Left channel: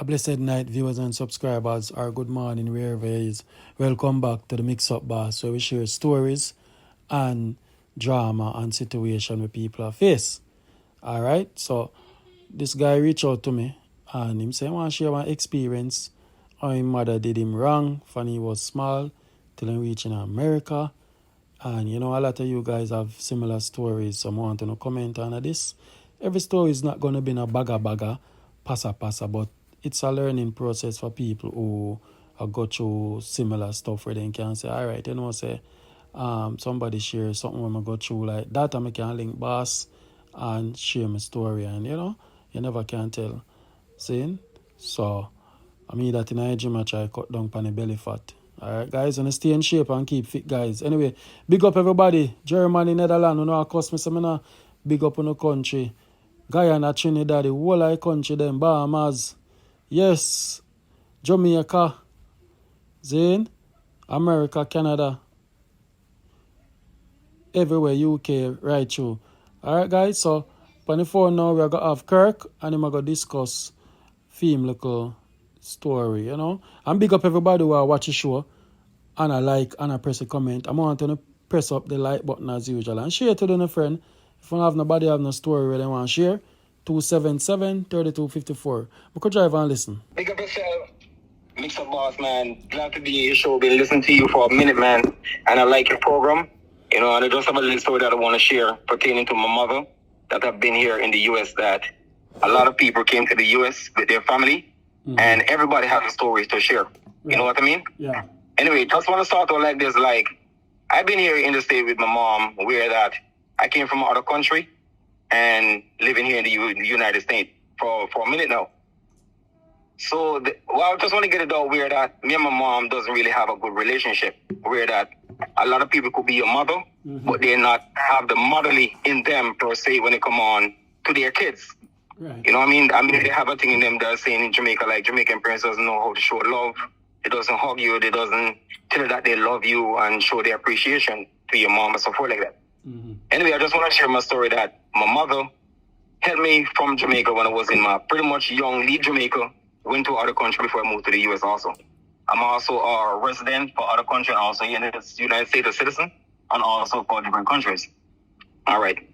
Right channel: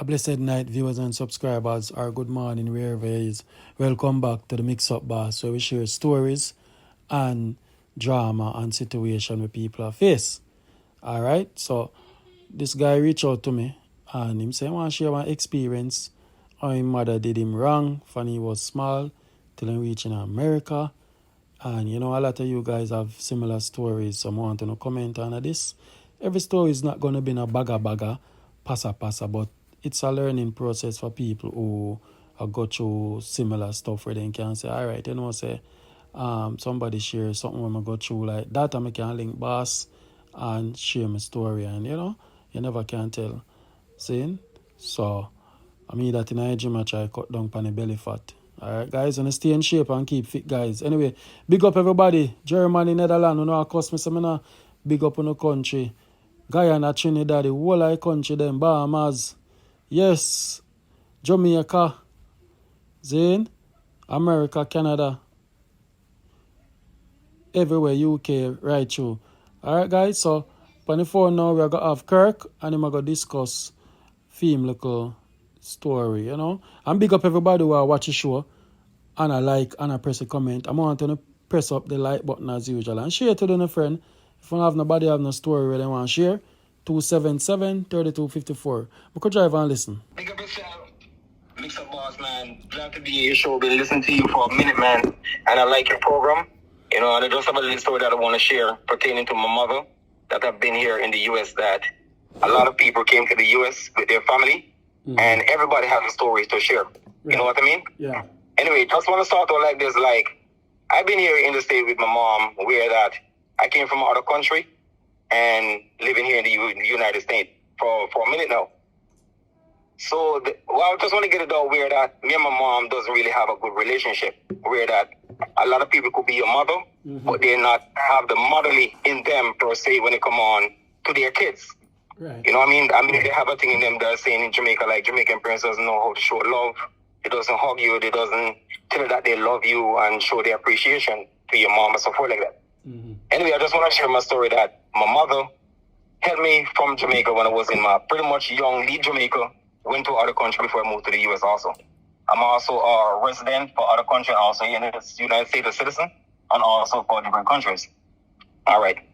A blessed night, viewers and subscribers, or good morning, wherever it is. Welcome back to the MIXUP Boss, where we share stories and drama and situation where people are face. Alright, so this guy reached out to me and him say, I want to share my experience how his mother did him wrong when he was small till he reached in America. And you know, a lot of you guys have similar stories, so I want to comment on this. Every story is not going to be a bagger, passa, but it's a learning process for people who have got through similar stuff where they can say, all right, you know, say, somebody share something when I go through like that, and I can link boss and share my story, and you know, you never can tell. See? So, I mean that in a gym I try cut down on the belly fat. Alright, guys, and stay in shape and keep fit, guys. Anyway, big up everybody. Germany, Netherlands, you know, of course, me big up in the country. Guyana, Trinidad, the whole of the country, them, Bahamas. Yes, Jamaica, Zane, America, Canada, everywhere, UK, right through. Alright, guys, so, on the phone now, we're going to have Kirk, and we're going to discuss theme local story, you know. And big up everybody who watch the show, and I like, and I press a comment. I'm going to press up the like button as usual, and share to them, friend. If you don't have nobody have no story where they want to share, 277-3254. We could drive and listen. Big up yourself, MIXUP Boss, man. Glad to be in your show. Been listening to you for a minute, man. And I like your program. You know, and I just have a little story that I want to share pertaining to my mother that have been here in the U.S. that a lot of people came to the U.S. with their family, and everybody has stories to share. You know what I mean? Yeah. Anyway, just want to start out like this. Like, I've been here in the state with my mom, where that I came from out of country and living here in the United States for a minute now. So, I just want to get it out where that me and my mom doesn't really have a good relationship, where that a lot of people could be a mother, but they not have the motherly in them per se when it come on to their kids. Right. You know what I mean? They have a thing in them that's saying in Jamaica, like Jamaican parents doesn't know how to show love. They doesn't hug you. They doesn't tell you that they love you and show their appreciation to your mom and support like that. Anyway, I just want to share my story that my mother helped me from Jamaica when I was in my pretty much young, leave Jamaica, went to other country before I moved to the U.S. also. I'm also a resident for other countries, also in the United States, a citizen, and also for different countries. All right.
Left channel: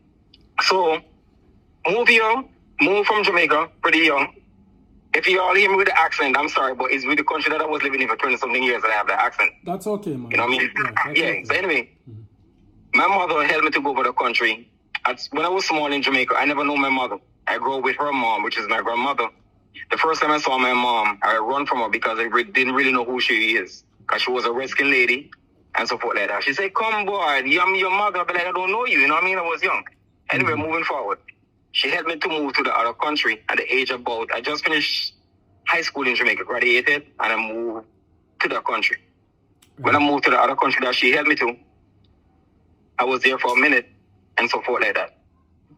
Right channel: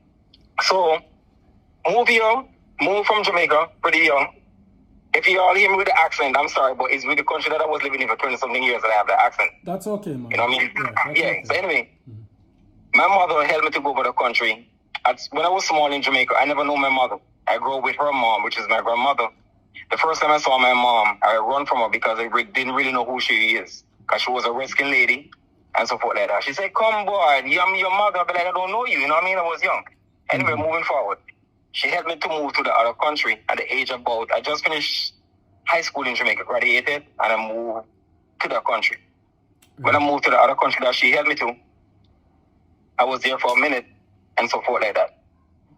So, moved from Jamaica, pretty young. If you all hear me with the accent, I'm sorry, but it's with the country that I was living in for 20-something years that I have the accent. That's okay, man. You know what I mean? Yeah. Okay. So anyway, my mother helped me to go over the country. When I was small in Jamaica, I never knew my mother. I grew up with her mom, which is my grandmother. The first time I saw my mom, I run from her because I didn't really know who she is. Because she was a Redskin lady and so forth like that. She said, come boy, I'm your mother. But like, I don't know you. You know what I mean? I was young. Anyway, moving forward. She helped me to move to the other country at the age about, I just finished high school in Jamaica, graduated, and I moved to that country. When I moved to the other country that she helped me to, I was there for a minute and so forth like that.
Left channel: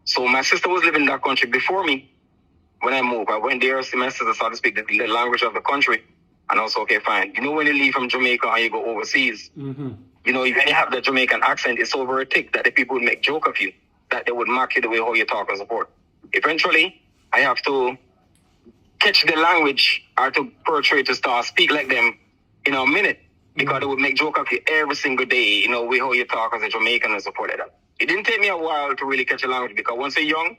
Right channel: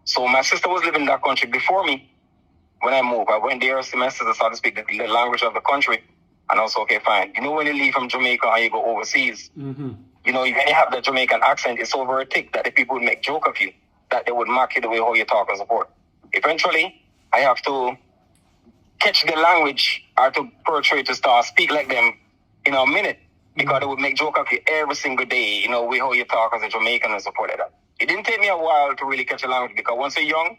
So my sister was living in that country before me. When I moved, I went there, see my sister started to speak the language of the country. And I was okay, fine. You know, when you leave from Jamaica and you go overseas, you know, if you have the Jamaican accent, it's so very thick that the people would make joke of you, that they would mark you the way how you talk and so forth. Eventually, I have to catch the language or to portray to start speak like them in a minute, because they would make joke of you every single day, you know, way how you talk as a Jamaican and so forth like that. It didn't take me a while to really catch the language, because once you're young,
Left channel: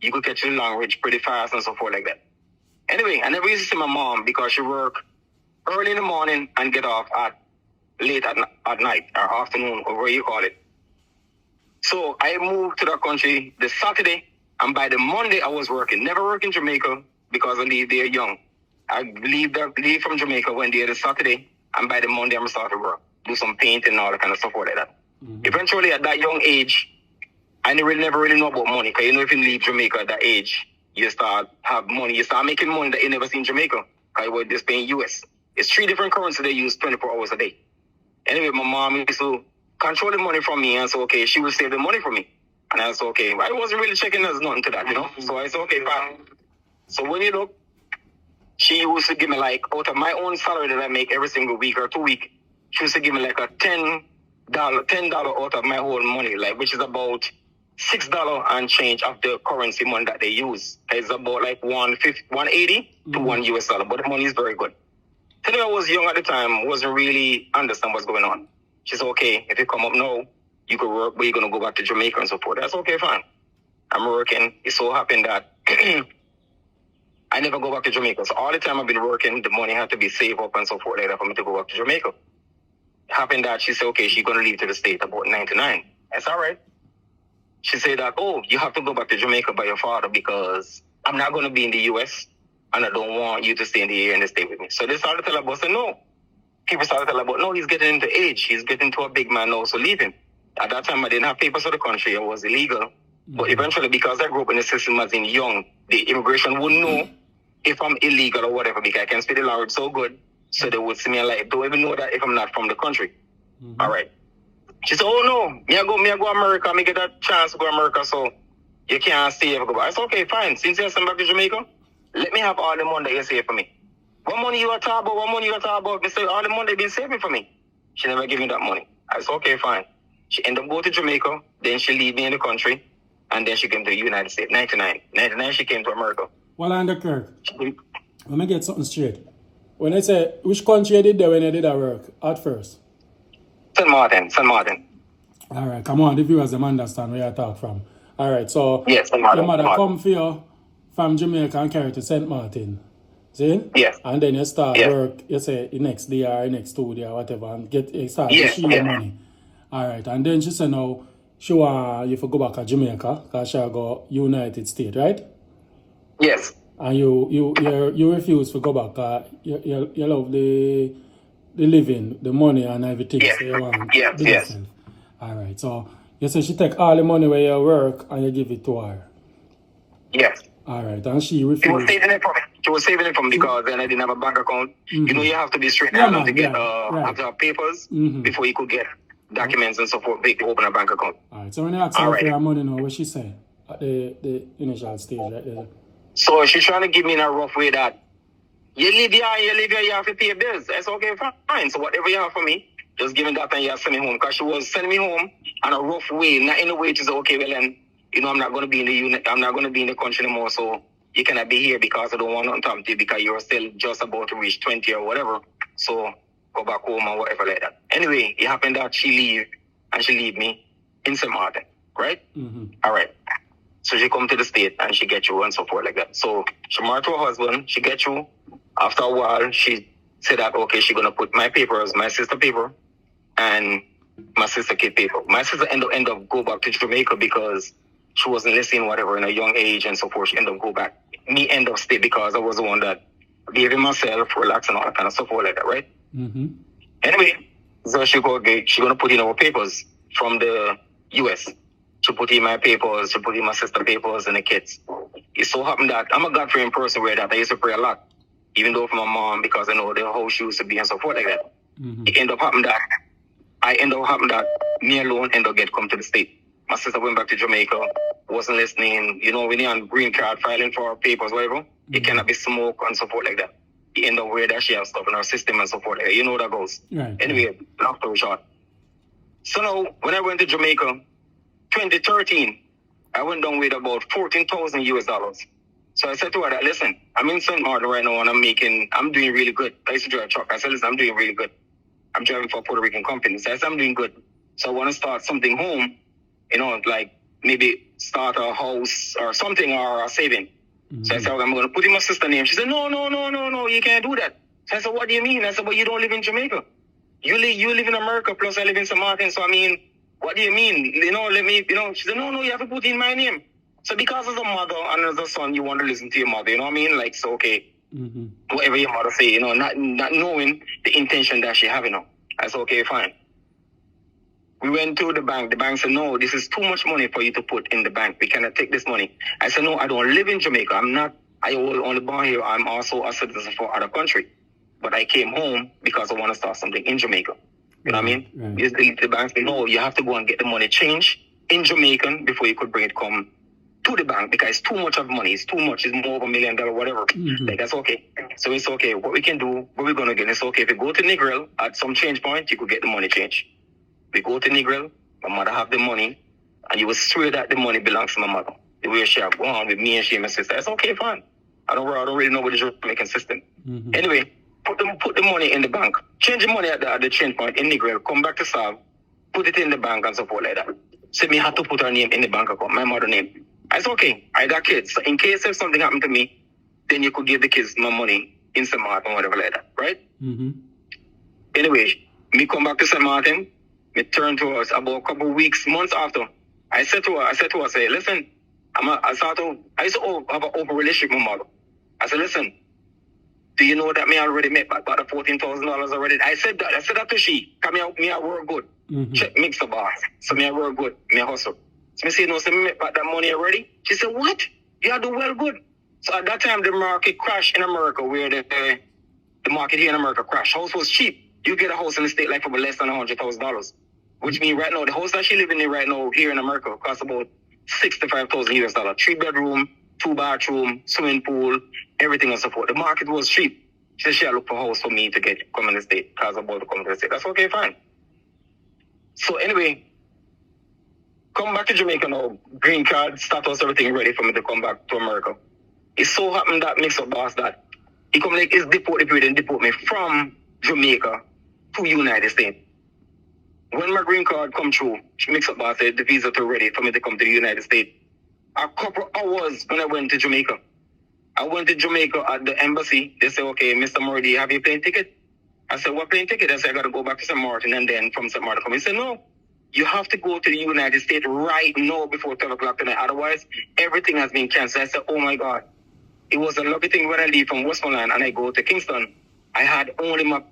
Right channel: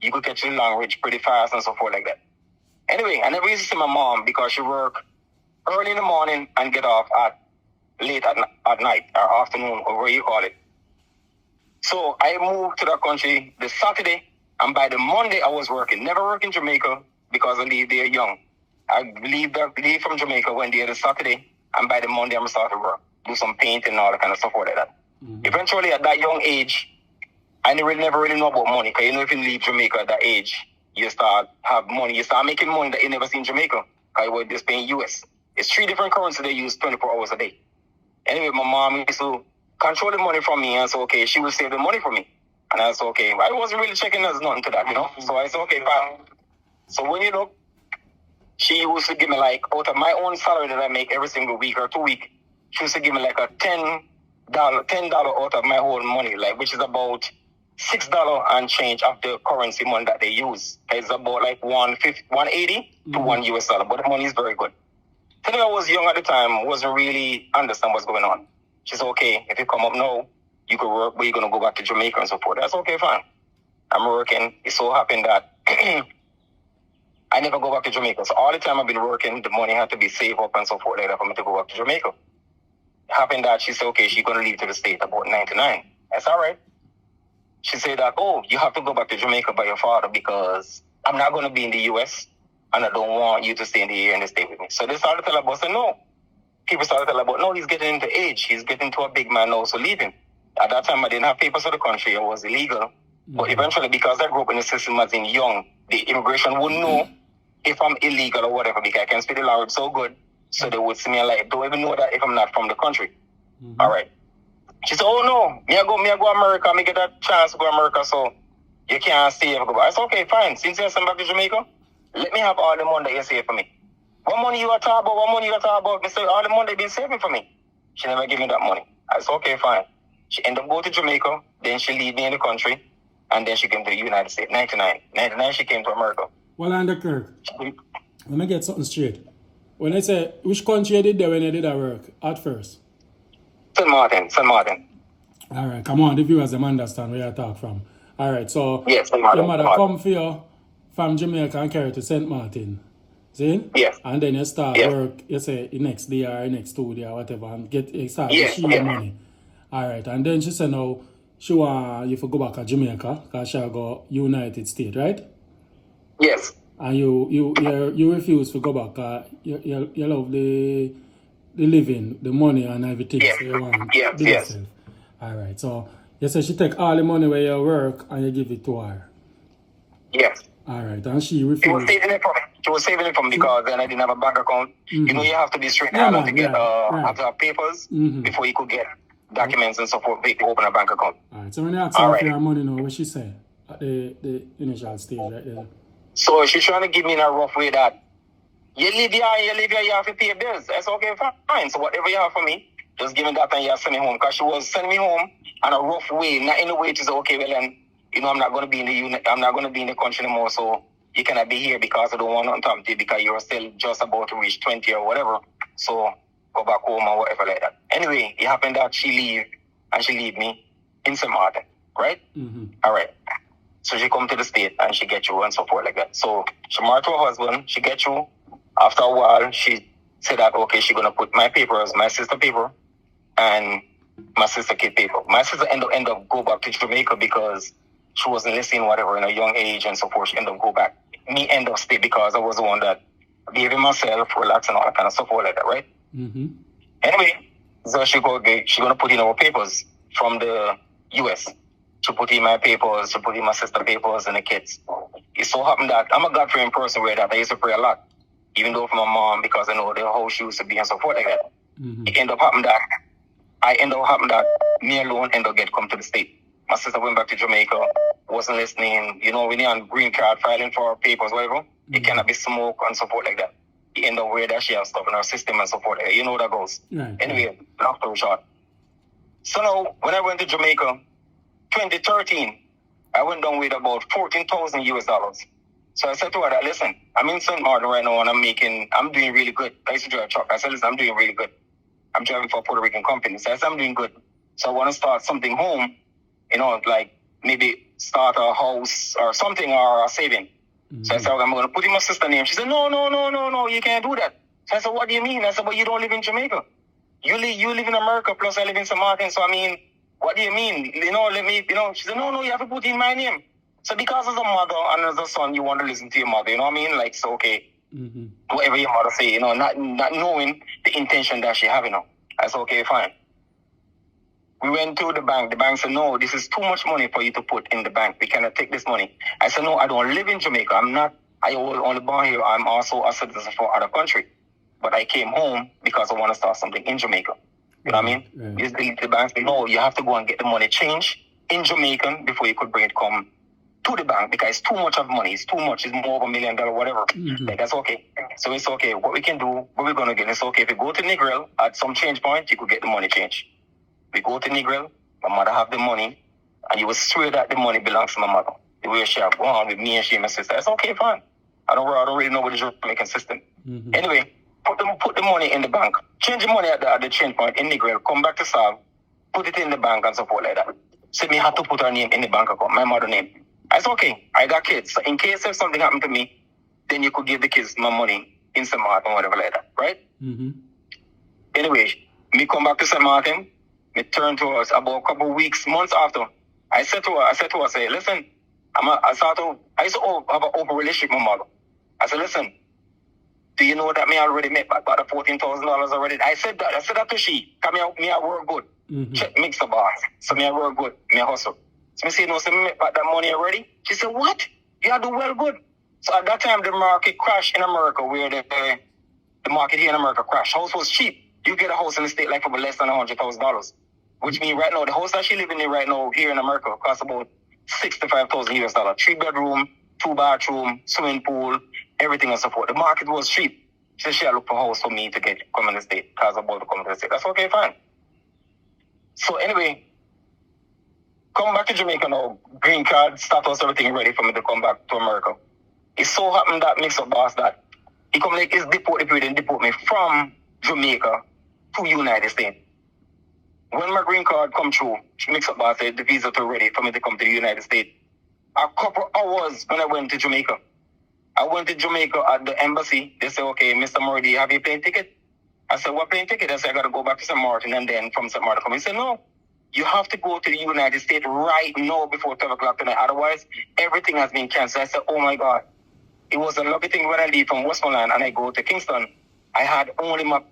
you could catch the language pretty fast and so forth like that. Anyway, I never used to see my mom because she worked early in the morning and get off late at night or afternoon, or where you call it. So I moved to that country this Saturday, and by the Monday I was working. Never work in Jamaica because I leave there young. I leave from Jamaica one day this Saturday, and by the Monday I'm starting to work, do some painting and all that kind of stuff like that. Eventually, at that young age, I never really know about money, because you know, if you leave Jamaica at that age, you start have money. You start making money that you never seen in Jamaica, because you were just paying US. It's 3 different currencies they use 24 hours a day. Anyway, my mom used to control the money from me, and so okay, she would save the money for me. And I said, okay, I wasn't really checking as nothing to that, you know? So I said, okay, fine. So when you look, she used to give me like, out of my own salary that I make every single week or 2 weeks, she used to give me like a $10 out of my whole money, like, which is about $6 and change of the currency money that they use. It's about like 180 to $1 US, but the money is very good. Anyway, I was young at the time, wasn't really understand what's going on. She said, okay, if you come up now, you could work, but you're going to go back to Jamaica and so forth. That's okay, fine. I'm working. It so happened that I never go back to Jamaica. So all the time I've been working, the money had to be saved up and so forth like that for me to go back to Jamaica. It happened that she said, okay, she's going to leave to the state about 99. That's all right. She said that, oh, you have to go back to Jamaica by your father because I'm not going to be in the U.S. and I don't want you to stay in the area and to stay with me. So they started to tell her about, say, no. People started to tell her about, no, he's getting into age. He's getting to a big man now, so leave him. At that time, I didn't have papers for the country. I was illegal. But eventually, because I grew up in the system as in young, the immigration would know if I'm illegal or whatever because I can speak the language so good. So they would see me like, don't even know that if I'm not from the country. All right. She said, oh, no, me I go America. Me get a chance to go America, so you can't stay ever go back. I said, okay, fine. Since you're back to Jamaica, let me have all the money that you save for me. What money you are talking about? What money you are talking about? They say, all the money they've been saving for me. She never gave me that money. I said, okay, fine. She ended up going to Jamaica. Then she leave me in the country. And then she came to the United States. 99. 99, she came to America. Well, Kirk, let me get something straight. When I say, which country you did there when you did that work at first? St. Martin. All right, come on, the viewers them understand where you talk from. All right, so yes, your mother come for you from Jamaica and carry to St. Martin. See? Yes. And then you start work, you say, the next day or the next 2 days or whatever, and start to see your money. All right, and then she said, now, she want you to go back to Jamaica because she go United States, right? Yes. And you refuse to go back. You love the living, the money and everything. So you want to do yourself. All right. So you say she take all the money where you work and you give it to her. Yes. All right. And she refused. She was saving it from because then I didn't have a bank account. You know, you have to be straight to get have to have papers before you could get documents and so forth to open a bank account. All right. So when you ask her for her money now, what she say at the initial stage, right? So she's trying to give me in a rough way that you live here, you have to pay bills. That's okay, fine. So whatever you have for me, just give me that and you send me home. Because she was sending me home in a rough way, not in a way to say, okay, well then, you know, I'm not going to be in the unit, I'm not going to be in the country anymore, so you cannot be here because I don't want nothing to happen to you because you're still just about to reach 20 or whatever. So go back home or whatever like that. Anyway, it happened that she leave me in St. Martin, right? All right. So she come to the state and she get you and so forth like that. So she married to her husband, she get you. After a while, she said that, okay, she's going to put my papers, my sister paper, and my sister kid paper. My sister end up go back to Jamaica because she wasn't listening, whatever, in a young age and so forth. She end up go back. Me end up stay because I was the one that behaving myself, relax and all that kind of stuff like that, right? Anyway, so she going to put in our papers from the U.S., she put in my papers, she put in my sister papers and the kids. It so happened that I'm a God-fearing person where that I used to pray a lot, even though for my mom, because I know the whole she used to be and so forth like that. It ended up happening that me alone ended up come to the state. My sister went back to Jamaica, wasn't listening. You know, when you're on green card filing for her papers, whatever, it cannot be smoke and so forth like that. It ended up where that she has stuff in her system and so forth. You know how that goes. Right. Anyway, long story short. So now, when I went to Jamaica, 2013, I went down with about $14,000. So I said to her that, listen, I'm in St. Martin right now and I'm doing really good. I used to drive a truck. I said, listen, I'm doing really good. I'm driving for a Puerto Rican company. So I said, I'm doing good. So I want to start something home, you know, like maybe start a house or something or a saving. So I said, okay, I'm going to put in my sister's name. She said, no, you can't do that. So I said, what do you mean? I said, but you don't live in Jamaica. You live in America, plus I live in St. Martin. So I mean, what do you mean? You know, she said, no, you have to put in my name. So because as a mother and as a son, you want to listen to your mother, you know what I mean? Like, so, okay, whatever your mother say, you know, not knowing the intention that she have, you know. I said, okay, fine. We went to the bank. The bank said, no, this is too much money for you to put in the bank. We cannot take this money. I said, no, I don't live in Jamaica. I was only born here. I'm also a citizen for other country. But I came home because I want to start something in Jamaica. You know what I mean? The bank said, no, you have to go and get the money changed in Jamaican before you could bring it come to the bank because it's too much of money. It's too much. It's more of $1 million, whatever. Like, that's okay. So it's okay. What we can do, what we're going to get, it's okay. If you go to Negril at some change point, you could get the money changed. We go to Negril, my mother have the money, and you will swear that the money belongs to my mother. The way she have gone with me and she and my sister. It's okay, fine. I don't really know what the Jamaican system. Anyway, put the money in the bank. Change the money at the change point in Negril. Come back to Sav. Put it in the bank and so forth like that. So me have to put her name in the bank account, my mother name. I said, okay, I got kids. So in case if something happened to me, then you could give the kids my money in St. Martin or whatever like that, right? Anyway, me come back to St. Martin. Me turn to us about a couple of weeks, months after. I said to her, say, listen, I used to have an open relationship with my mother. I said, listen, do you know that me already made about $14,000 already? I said that to she. Come here, me I work good. Check MIXUP boss. So me I work good. Me I hustle. So me say, no, so me make about that money already? She said, what? You do well good. So at that time, the market crashed in America, where the market here in America crashed. House was cheap. You get a house in the state like for less than $100,000. Which means right now, the house that she living in right now here in America costs about $65,000 US. 3 bedroom, 2 bathroom, swimming pool, everything and so forth. The market was cheap. She said she had looked for a house for me to come in the state because I'm about to come to the state. That's okay, fine. So anyway, come back to Jamaica now. Green card, status, everything ready for me to come back to America. It so happened that MIXUP boss that he come like his deport me from Jamaica to United States. When my green card come through, MIXUP boss said the visa to ready for me to come to the United States. A couple hours when I went to Jamaica. I went to Jamaica at the embassy. They said, okay, Mr. Murray, have you plane ticket? I said, what plane ticket? I said, I got to go back to St. Martin and then from St. Martin come. He said, no, you have to go to the United States right now before 12 o'clock tonight. Otherwise, everything has been canceled. I said, oh my God. It was a lucky thing when I leave from Westmoreland and I go to Kingston. I had only my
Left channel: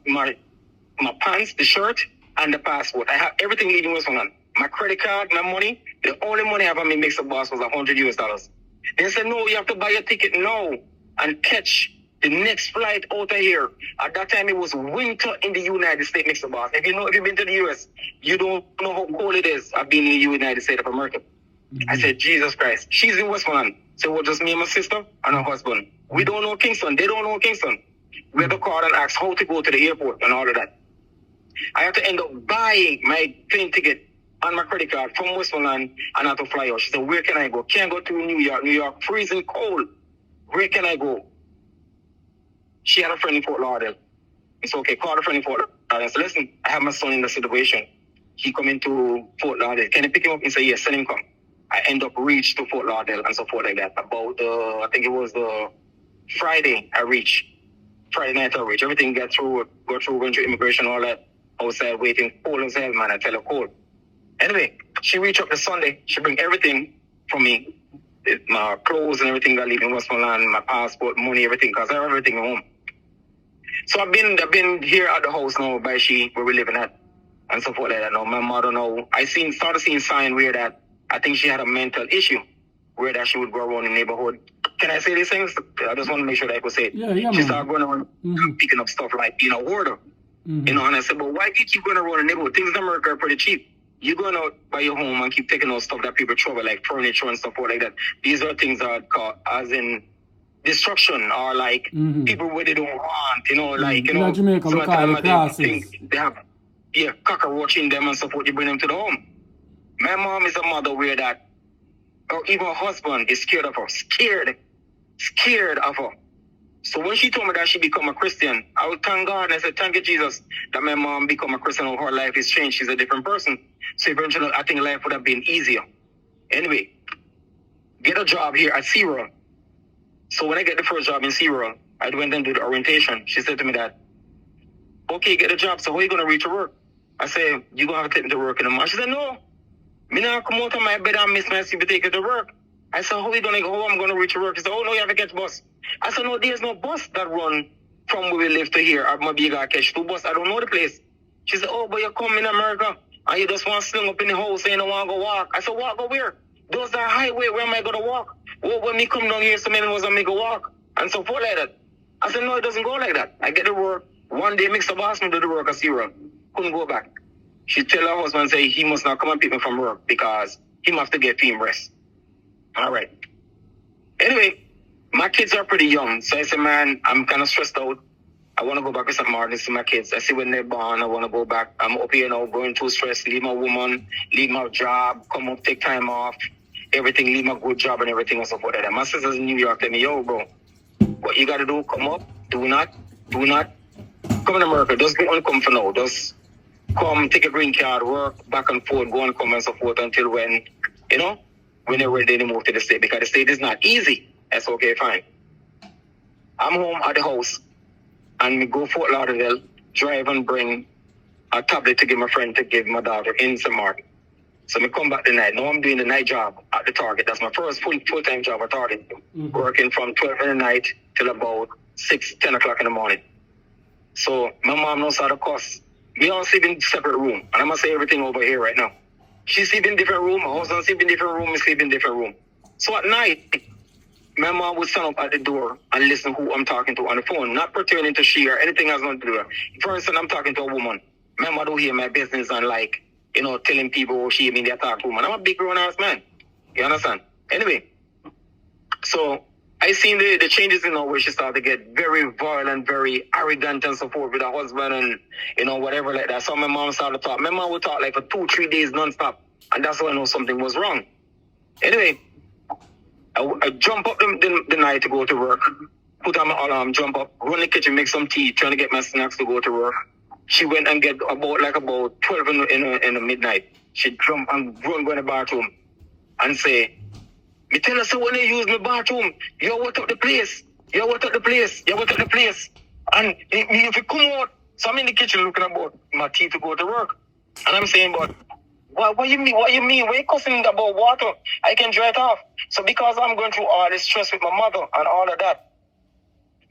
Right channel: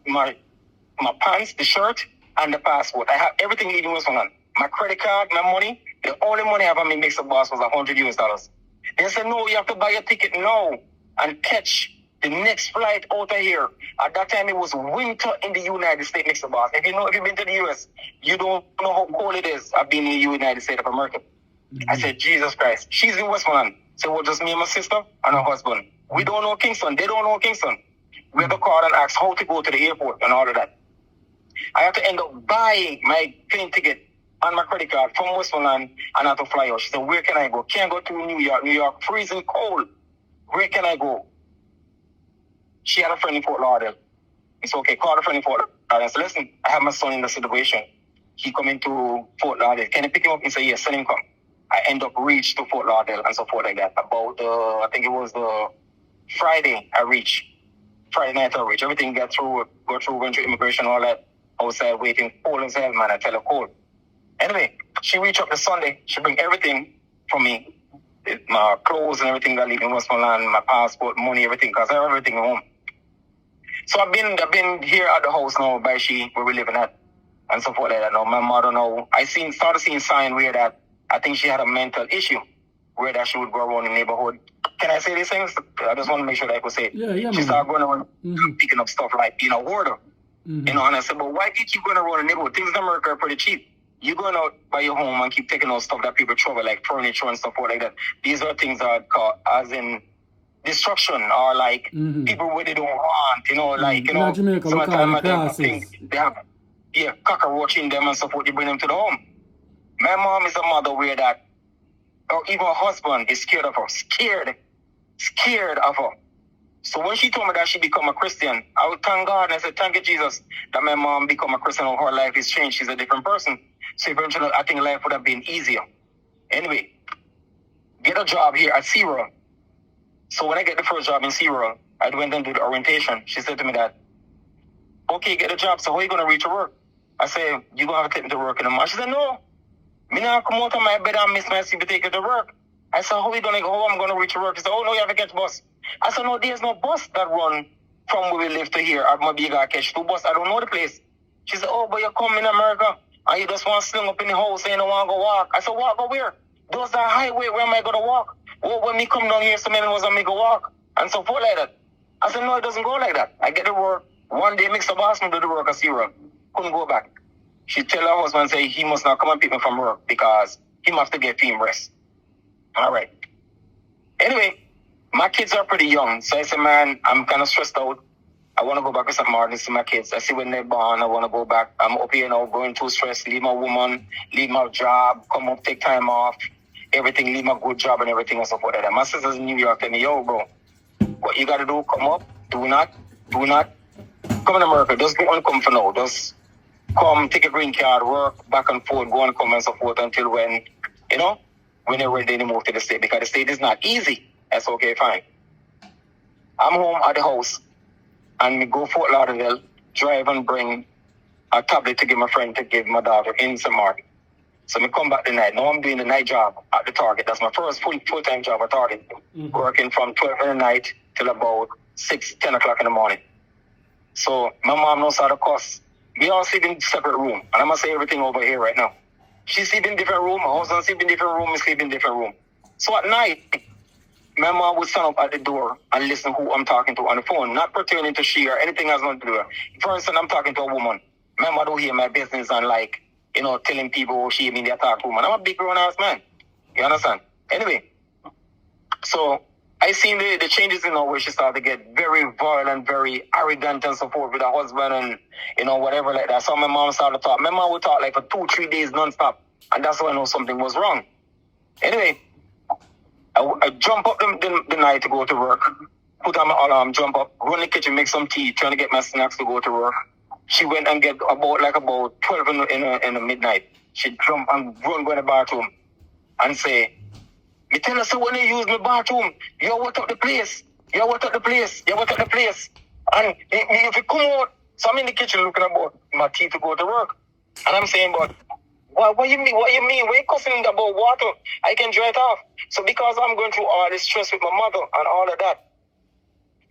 pants, the shirt, and the passport. I have everything leaving Westmoreland. My credit card, my money, the only money I have on me MIXUP boss was $100 US. They said, no, you have to buy a ticket now and catch the next flight out of here. At that time, it was winter in the United States, MIXUP boss. If you've been to the US, you don't know how cold it is. I've been in the United States of America. I said, Jesus Christ. She's in Westmoreland. So it was just me and my sister and her husband. We don't know Kingston. They don't know Kingston. We had to call and ask how to go to the airport and all of that. I had to end up buying my plane ticket on my credit card from Westmoreland and I had to fly out. She said, where can I go? Can't go to New York. New York, freezing cold. Where can I go? She had a friend in Fort Lauderdale. It's okay, call a friend in Fort Lauderdale. I said, listen, I have my son in the situation. He come into Fort Lauderdale. Can I pick him up? He said, yes, send him come. I end up reach to Fort Lauderdale and so forth like that. About, I think it was the Friday I reach. Friday night I reach. Everything go through, went through immigration, all that. Outside waiting, cold as hell, man. I tell her cold. Anyway, she reached up the Sunday. She bring everything from me. My clothes and everything that I leave in Westmoreland, my passport, money, everything, because I have everything at home. So I've been here at the house now by she, where we're living at, and so forth like that now. My mother now, started seeing sign where that I think she had a mental issue, where that she would go around the neighborhood. Can I say these things? I just want to make sure that I could say it. Yeah, she started going around picking up stuff like being a hoarder. You know, and I said, but why do you keep going around the neighborhood? Things in America are pretty cheap. You're going out by your home and keep taking out stuff that people throw away, like furniture and stuff like that. These are things that are called as in destruction or like people where they don't want, you know, like, you know, Jamaica, we call it they have, cockroach in them and stuff, you bring them to the home. My mom is a mother where that, or even her husband is scared of her, scared of her. So when she told me that she become a Christian, I would thank God and I said, thank you, Jesus, that my mom become a Christian and her life is changed. She's a different person. So eventually, I think life would have been easier. Anyway, get a job here at C0. So when I get the first job in C0, I went and did the orientation. She said to me that, okay, get a job. So how are you going to reach to work? I said, you're going to have to take me to work in the morning. She said, no, me not come out of my bed and miss my sleep to take you to work. I said, how I'm going to reach to work? She said, oh, no, you have to get the bus. I said, no, there's no bus that run from where we live to here. Or maybe you got to catch 2 buses. I don't know the place. She said, oh, but you come in America and you just want to sling up in the house and you don't want to go walk. I said, walk, go where? Those are highway. Where am I going to walk? Well, when me come down here, so many was I make a walk. And so forth like that. I said, no, it doesn't go like that. I get to work. One day, MIXUP asked me to do the work at C0. Couldn't go back. She tell her husband, say, he must not come and pick me from work because he must have to get team rest. All right. Anyway, my kids are pretty young. So I said, man, I'm kind of stressed out. I want to go back to St. Martin to see my kids. I see when they're born. I want to go back. I'm up here now, going through stress, leave my woman, leave my job, come up, take time off, everything, leave my good job and everything and so forth like that. My sisters in New York tell me, yo, bro, what you got to do, come up, do not come in America. Just don't come for now. Just come, take a green card, work back and forth, go and come and so forth until when, when they're ready to move to the state. Because the state is not easy. That's okay, fine. I'm home at the house. And we go Fort Lauderdale, drive and bring a tablet to give my friend to give my daughter in St. Martin. So we come back the night. Now I'm doing the night job at the Target. That's my first full-time job at Target. Mm-hmm. Working from 12 in the night till about 10 o'clock in the morning. So my mom knows how to cuss. We all sleep in separate room. And I'm going to say everything over here right now. She sleep in different room. My husband sleep in different room. We sleep in different room. So at night, my mom would stand up at the door and listen who I'm talking to on the phone, not pertaining to she or anything else going to do. First, I'm talking to a woman. My mom don't hear my business and telling people she mean they attack woman. I'm a big grown-ass man. You understand? Anyway, so I seen the changes in her where she started to get very violent, very arrogant and so forth with her husband and, whatever like that. So my mom started to talk. My mom would talk for 2-3 days non-stop. And that's when I know something was wrong. Anyway, I jump up the night to go to work, put on my alarm, jump up, run in the kitchen, make some tea, trying to get my snacks to go to work. She went and get about 12 in the midnight. She jump and run go in the bathroom and say, me tell her, so when you use my bathroom, you wet up the place. You wet up the place. You wet up the place. And if you come out, so I'm in the kitchen looking about my tea to go to work. And I'm saying, but what you mean? What you mean? We're cussing about water. I can dry it off. So because I'm going through all this stress with my mother and all of that,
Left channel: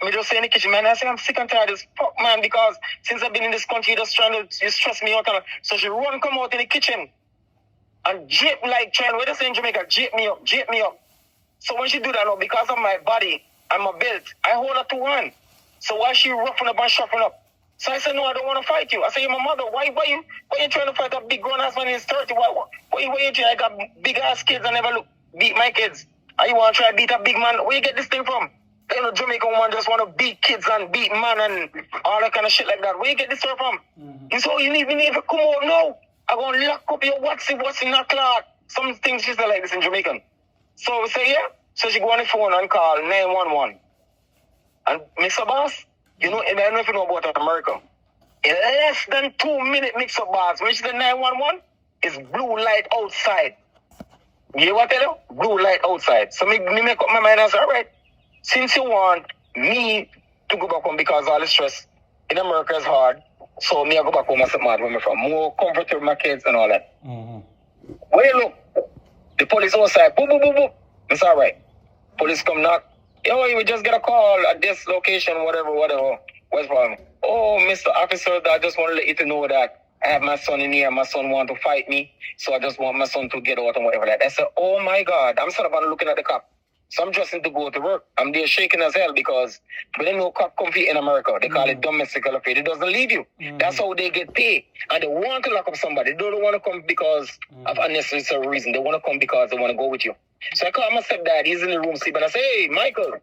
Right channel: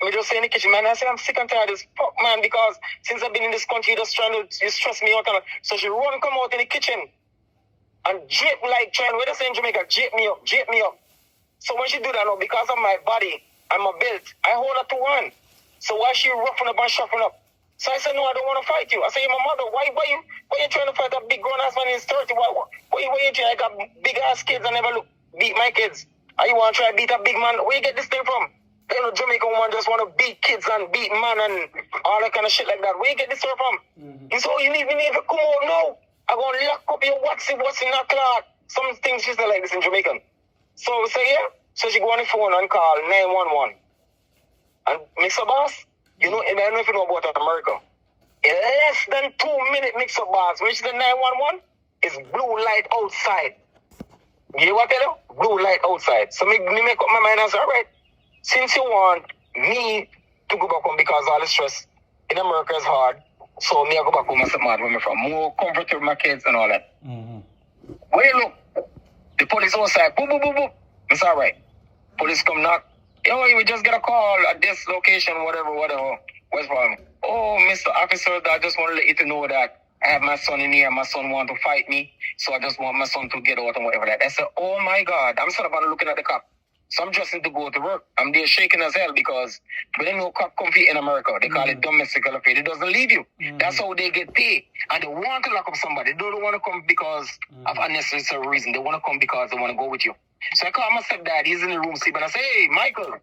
me just say in the kitchen, man, I say I'm sick and tired of this fuck, man, because since I've been in this country, just trying to stress me out. So she run come out in the kitchen and jip what they say in Jamaica, jip me up. So when she do that, because of my body and my belt, I hold her to hand. So why she roughing up and shuffling up? So I said, no, I don't want to fight you. I said, you're my mother. Why you trying to fight a big grown-ass man in his 30? Why you trying? I got big-ass kids and never beat my kids. And you want to try to beat a big man? Where you get this thing from? Jamaican woman just want to beat kids and beat man and all that kind of shit like that. Where you get this stuff from? Mm-hmm. And so you need to come out now. I'm going to lock up your what's in that cloud. Some things she said like this in Jamaican. So we say, yeah. So she go on the phone and call 911. And MIXUP boss, I don't know if you know about America. In less than 2 minutes, MIXUP boss, which is the 911, is blue light outside. You know what I tell you? Blue light outside. So me make up my mind and say, all right, since you want me to go back home because all the stress in America is hard, so me I go back home and St. Martin where I'm from. More comfortable with my kids and all that. Mm-hmm. Well, look, the police outside, boom, boom, boom, boom. It's all right. Police come knock. Yo, we just get a call at this location, whatever. What's wrong? Oh, Mr. Officer, I just want to let you to know that I have my son in here. My son want to fight me, so I just want my son to get out and whatever that. I said, oh my God. I'm sort of looking at the cop. So I'm dressing to go to work. I'm there shaking as hell because when they know cop comfy in America, they call it domestic affair. It doesn't leave you. Mm-hmm. That's how they get paid. And they want to lock up somebody. They don't want to come because of unnecessary reason. They want to come because they want to go with you. So I call my stepdad. He's in the room sleeping. I say, hey, Michael.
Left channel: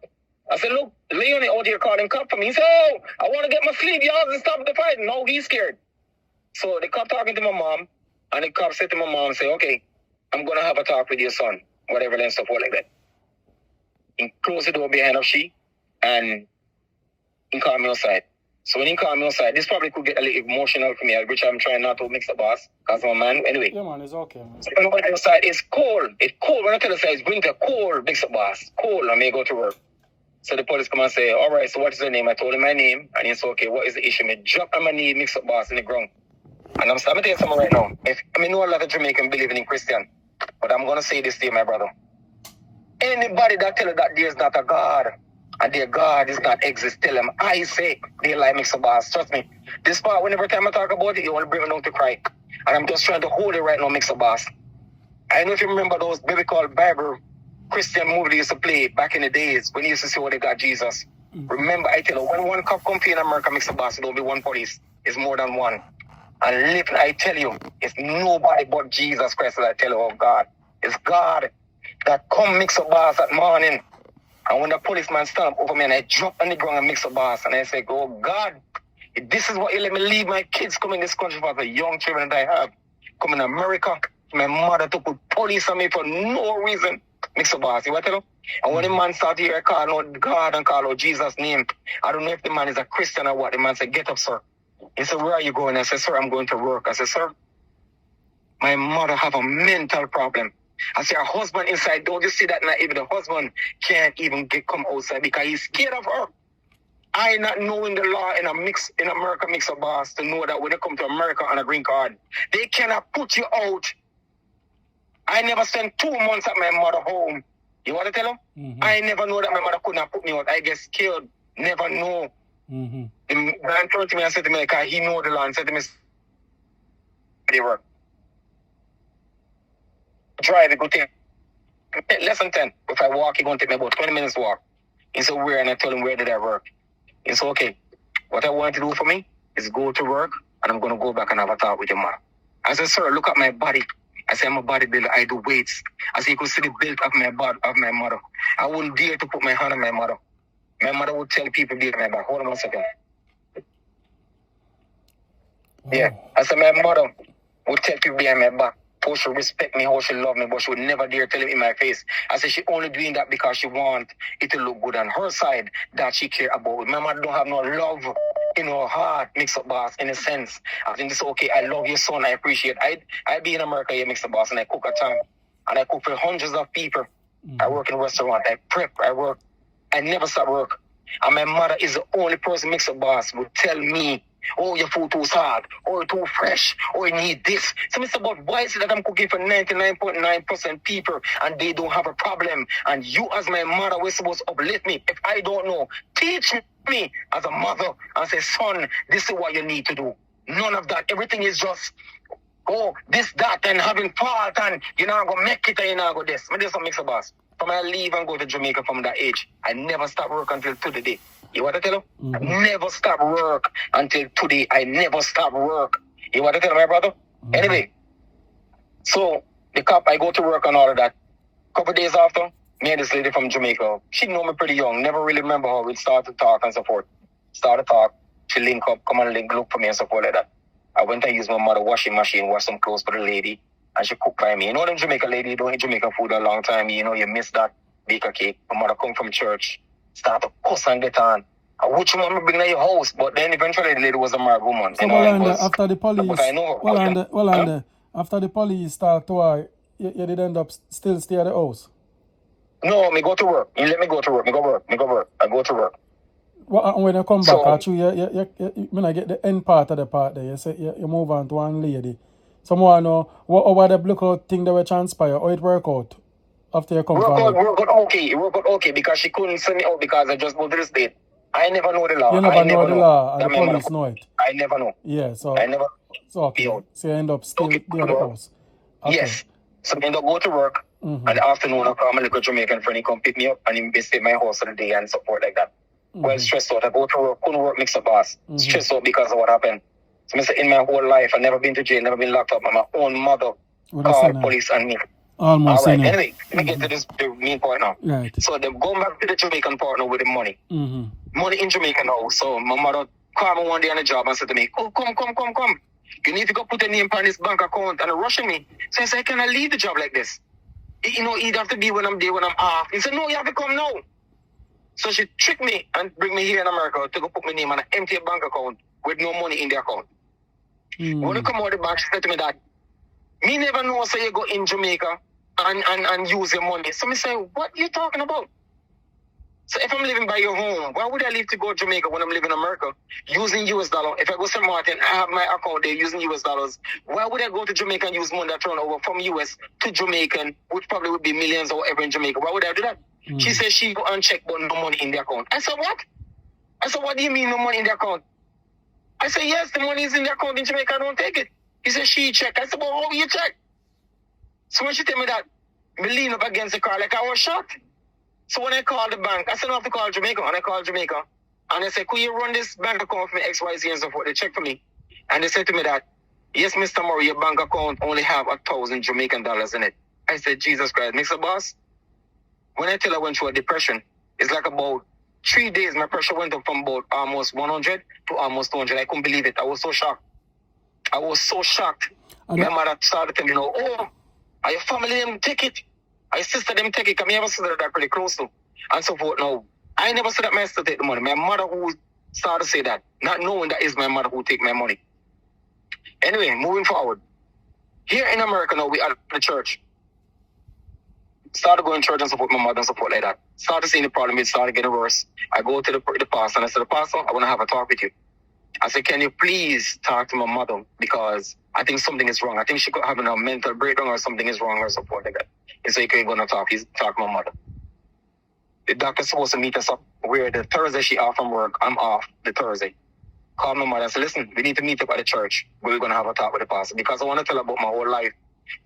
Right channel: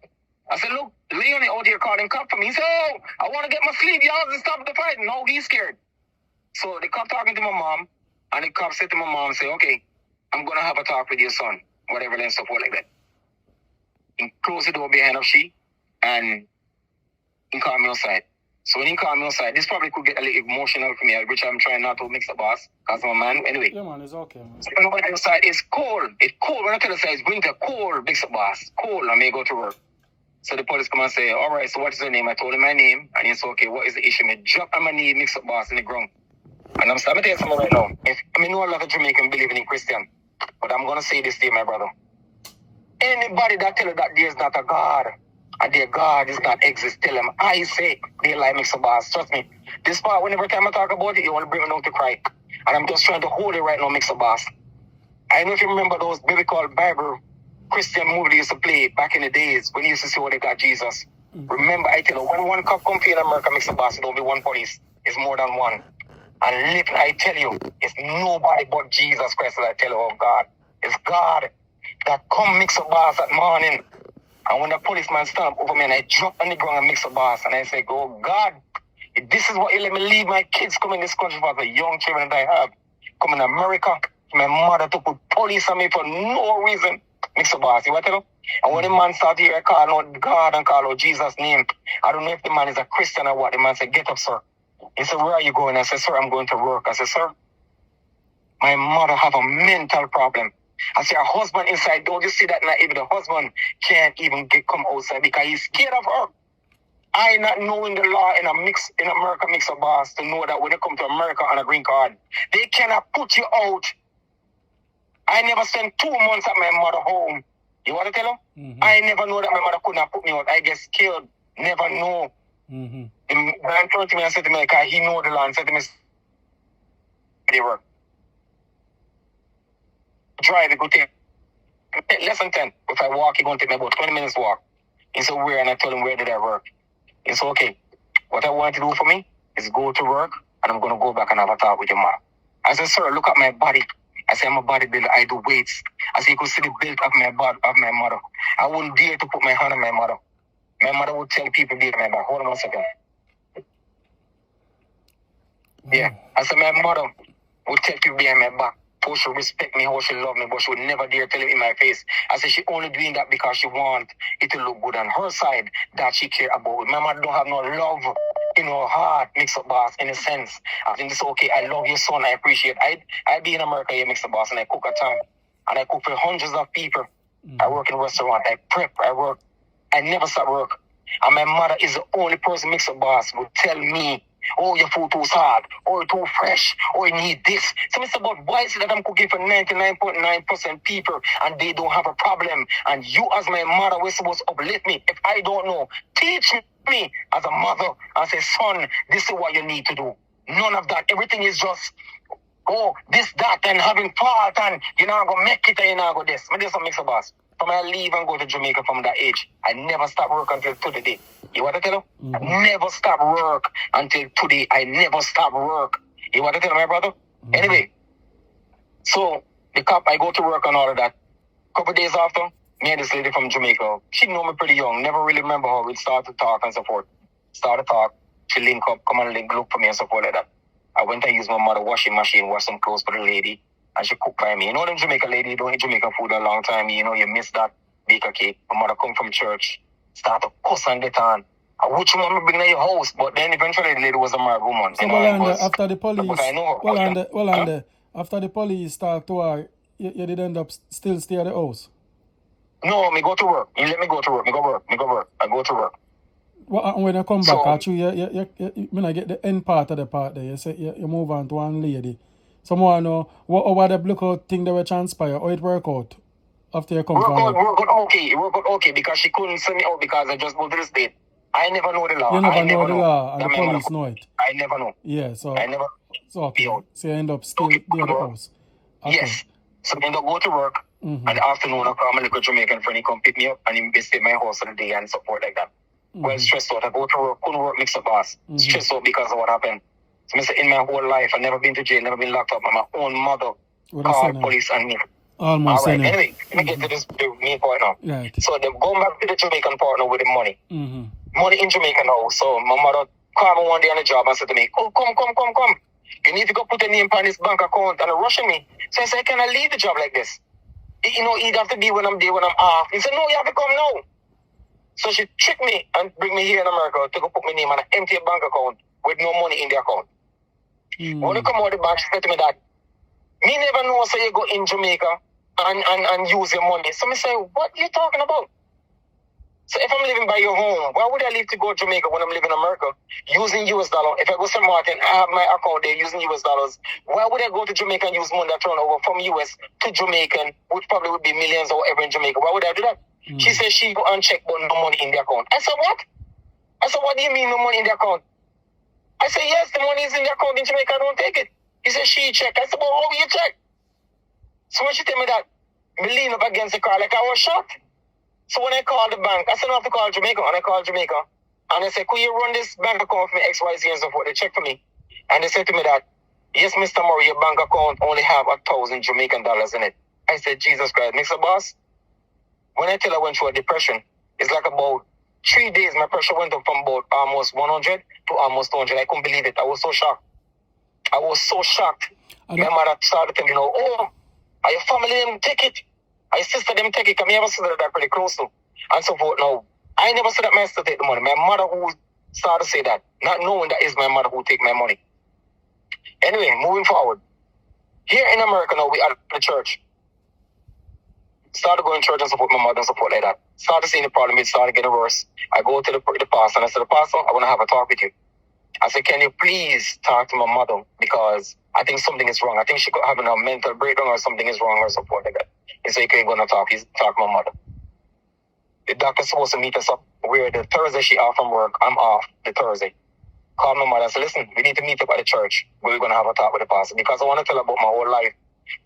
I said, look, Leonie out here calling cop for me. He said, oh, I want to get my sleep. Y'all just stop the fight. No, he's scared. So the cop talking to my mom. And the cop said to my mom, say, okay, I'm going to have a talk with your son. Whatever and stuff like that. He closed the door behind of she. And he called me outside. So when he called me outside, this probably could get a little emotional for me, which I'm trying not to mix the boss, because I'm a man. Anyway. Yeah, man, it's okay, man. So when I went outside, it's cold. It's cold. When I tell you it's winter, cold, mix the boss. Cold, I may go to work. So the police come and say, all right, so what is your name? I told him my name. And he said, okay, what is the issue? I drop on my knee, mix up boss in the ground. And I'm starting to tell you something right now. I know a lot of Jamaicans believe in Christian, but I'm going to say this to you, my brother. Anybody that tell you that there's not a God, and their God is not exist, tell them, I say, they like MIXUP boss. Trust me. This part, whenever time I talk about it, you want to bring me down to cry. And I'm just trying to hold it right now, MIXUP boss. I don't know if you remember those biblical Bible Christian movie they used to play back in the days when you used to see what they got Jesus. Mm-hmm. Remember, I tell you, when one cop come in America, MIXUP boss, it don't be one police. It's more than one. And literally, I tell you, it's nobody but Jesus Christ that I tell you, oh God. It's God that come MIXUP boss that morning And when the policeman stand up over me and I drop on the ground and mix up boss, and I say, oh God, if this is what you let me leave my kids come in this country for the young children that I have, come in America, my mother to put police on me for no reason, mix up boss, you want to know? And when the man started here, call out God and call out Jesus' name, I don't know if the man is a Christian or what. The man said, get up, sir. He said, where are you going? I said, sir, I'm going to work. I said, sir, my mother have a mental problem. I said, her husband inside, don't you see that now? Even the husband can't even come outside because he's scared of her. I not knowing the law in America mix up boss to know that when they come to America on a green card, they cannot put you out. I never spent 2 months at my mother home. You want to tell them? Mm-hmm. I never know that my mother could not put me out. I get scared. Never know. Mm-hmm. The man turned to me and said to me, because he know the law, and said to me, they work. Drive, it go take less than 10. If I walk, it going to take me about 20 minutes walk. He said, where? And I told him, where did I work? He said, okay, what I want to do for me is go to work, and I'm going to go back and have a talk with your mom. I said, sir, look at my body. I said, I'm a bodybuilder. I do weights. I said, you could see the build of my body, of my mother. I wouldn't dare to put my hand on my mother. My mother would tell people behind my back. Hold on 1 second. Oh. Yeah. I said, my mother would tell people behind my back how she respect me, how she love me, but she would never dare tell it in my face. I said, she only doing that because she want it to look good on her side that she care about. My mother don't have no love in her heart, mix up boss, in a sense. I think it's okay, I love your son, I appreciate it. I be in America, you mix up boss, and I cook at time. And I cook for hundreds of people. Mm-hmm. I work in a restaurant, I prep, I work. I never stop work. And my mother is the only person mix up boss who tell me, oh, your food too hard, or too fresh, or you need this. So Mr. But why is it that I'm cooking for 99.9% people and they don't have a problem? And you as my mother were supposed to uplift me. If I don't know, teach me as a mother and say, son, this is what you need to do. None of that. Everything is just, oh, this, that, and having fault, and you're not going to make it, and you're not going to this. But this is what makes a boss. From I leave and go to Jamaica from that age, I never stop work until today. You want to tell him? Mm-hmm. I never stop work until today. I never stop work. You want to tell my brother? Mm-hmm. Anyway, so the cop, I go to work and all of that. Couple days after, me and this lady from Jamaica, she know me pretty young, never really remember how we started to talk and so forth. Started to talk, she link up, come and link, look for me and so forth like that. I went and used my mother washing machine, wash some clothes for the lady. And she cooked by me. You know them Jamaican lady, you don't eat Jamaican food a long time. You know, you miss that baker cake. My mother come from church, start to cuss and get on. I would you want me bring to your house, but then eventually the lady was a married woman. So after the police, after the police talked to her, you did end up still stay at the house? No, me go to work. You let me go to work. Me go work. I go to work. When you come back, actually, when I get the end part of the part there, you say you move on to one lady. Someone know what the blackout thing that will transpire, how it work out after you come from work out okay because she couldn't send me out because I just go to the state. I never know the law. You never know the law and the police know it. I never know. Yeah, so I never. So okay. So you end up still there at the house. Okay. Yes. So I end up go to work. Mm-hmm. And the afternoon I call my little Jamaican friend, he come pick me up and he stay at my house for the day and support like that. Mm-hmm. Well, stressed out. I go to work, couldn't work, mix up boss. Mm-hmm. Stressed out because of what happened. So in my whole life, I've never been to jail, never been locked up. My own mother called police on me. Almost. All right. Anyway, I get to this main point now. Right. So they're going back to the Jamaican partner with the money. Mm-hmm. Money in Jamaica now. So my mother called me one day on the job and said to me, oh, come. You need to go put a name on this bank account. And they're rushing me. So I said, can I leave the job like this? You know, it'd have to be when I'm there, when I'm off. He said, no, you have to come now. So she tricked me and bring me here in America to go put my name on an empty bank account with no money in the account. When you come out of the bank, she said to me that, me never know so you go in Jamaica and use your money. So I say, what are you talking about? So if I'm living by your home, why would I leave to go to Jamaica when I'm living in America using US dollar? If I go to St. Martin, I have my account there using US dollars. Why would I go to Jamaica and use money that turn over from US to Jamaican, which probably would be millions or whatever in Jamaica? Why would I do that? She said she go and check, but no money in the account. I said, what? I said, what do you mean no money in the account? I said, yes, the money is in the account in Jamaica, I don't take it. He said, she check. I said, well, how will you check? So when she tell me that, I lean up against the car like I was shocked. So when I called the bank, I said, I have to call Jamaica. And I called Jamaica. And I said, could you run this bank account for me, XYZ and so forth? They check for me. And they said to me that, yes, Mr. Murray, your bank account only have 1,000 Jamaican dollars in it. I said, Jesus Christ, Mr. Boss. When I tell her I went through a depression It's like about 3 days, my pressure went up from about almost 100 to almost 200. I couldn't believe it. I was so shocked. My mother started telling me, oh, are your family them take it? Are your sister them take it? Because I never said that pretty close to. And so forth. Now, I never said that my sister take the money. My mother who started to say that, not knowing that is my mother who take my money. Anyway, moving forward. Here in America now, we are at the church. Started going to church and support my mother and support like that. Started seeing the problem, it started getting worse. I go to the pastor and I said, Pastor, I want to have a talk with you. I said, can you please talk to my mother? Because I think something is wrong. I think she could have a mental breakdown or something is wrong or support like that. He said, you can't go and talk. He's talk to my mother. The doctor's supposed to meet us up where the Thursday she off from work. I'm off the Thursday. Called my mother and said, listen, we need to meet up at the church. We're going to have a talk with the pastor because I want to tell her about my whole life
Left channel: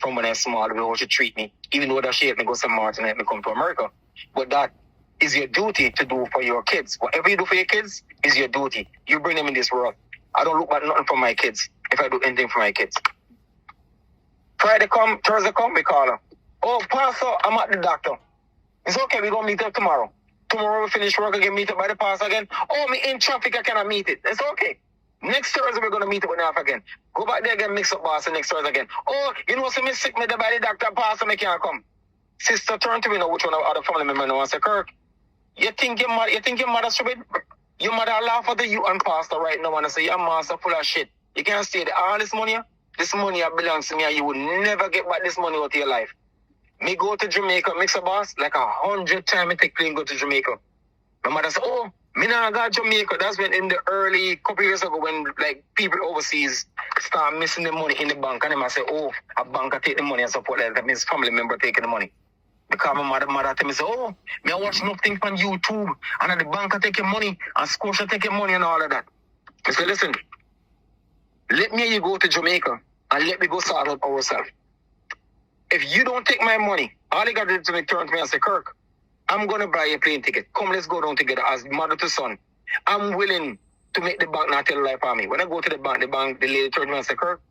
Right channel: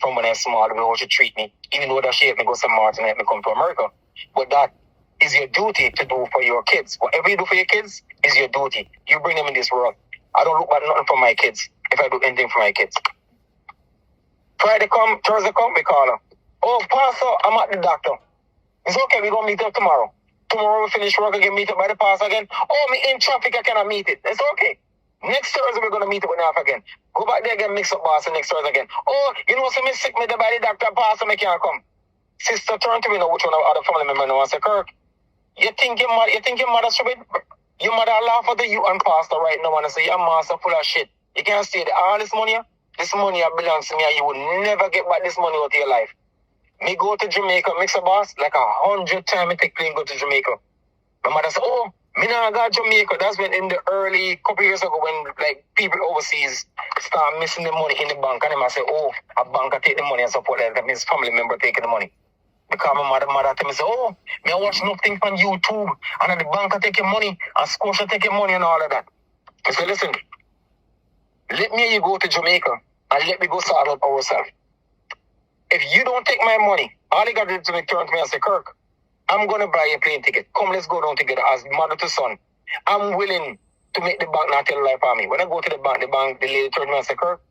from when I was small, the way she treat me, even though that she helped me go to St. Martin and helped me come to America. But that is your duty to do for your kids. Whatever you do for your kids is your duty. You bring them in this world. I don't look at nothing for my kids if I do anything for my kids. Friday come, Thursday come, we call her. Oh, Pastor, I'm at the doctor. It's okay, we're going to meet up tomorrow. Tomorrow we finish work again, meet up by the pastor again. Oh, me in traffic, I cannot meet it. It's okay. Next Thursday we're going to meet up with half again. Go back there again, mix up boss, and next Thursday again. Oh, you know, so me sick me there by the doctor, pastor, me can't come. Sister turn to me now, which one of other family member now and say, Kirk, you think your mother stupid? Your mother laugh at you and pastor right now and say, your master full of shit. You can't stay there. All this money belongs to me and you will never get back this money out of your life. Me go to Jamaica, mix a boss, like 100 times I take plane go to Jamaica. My mother said, oh, me not got Jamaica. That's when in the early couple years ago when like people overseas start missing the money in the bank and they might say, oh, a banker take the money and support that. That means family member taking the money. Because my mother tell me, say, oh, me I watch nothing on YouTube and the banker take your money and Scotia take your money and all of that. I said, listen, let me you go to Jamaica and let me go sort out ourselves. If you don't take my money, all you got to do is turn to me and say, Kirk, I'm going to buy a plane ticket. Come, let's go down together as mother to son. I'm willing to make the bank not tell a lie for me. When I go to the bank, the lady turned to me and said, Kirk,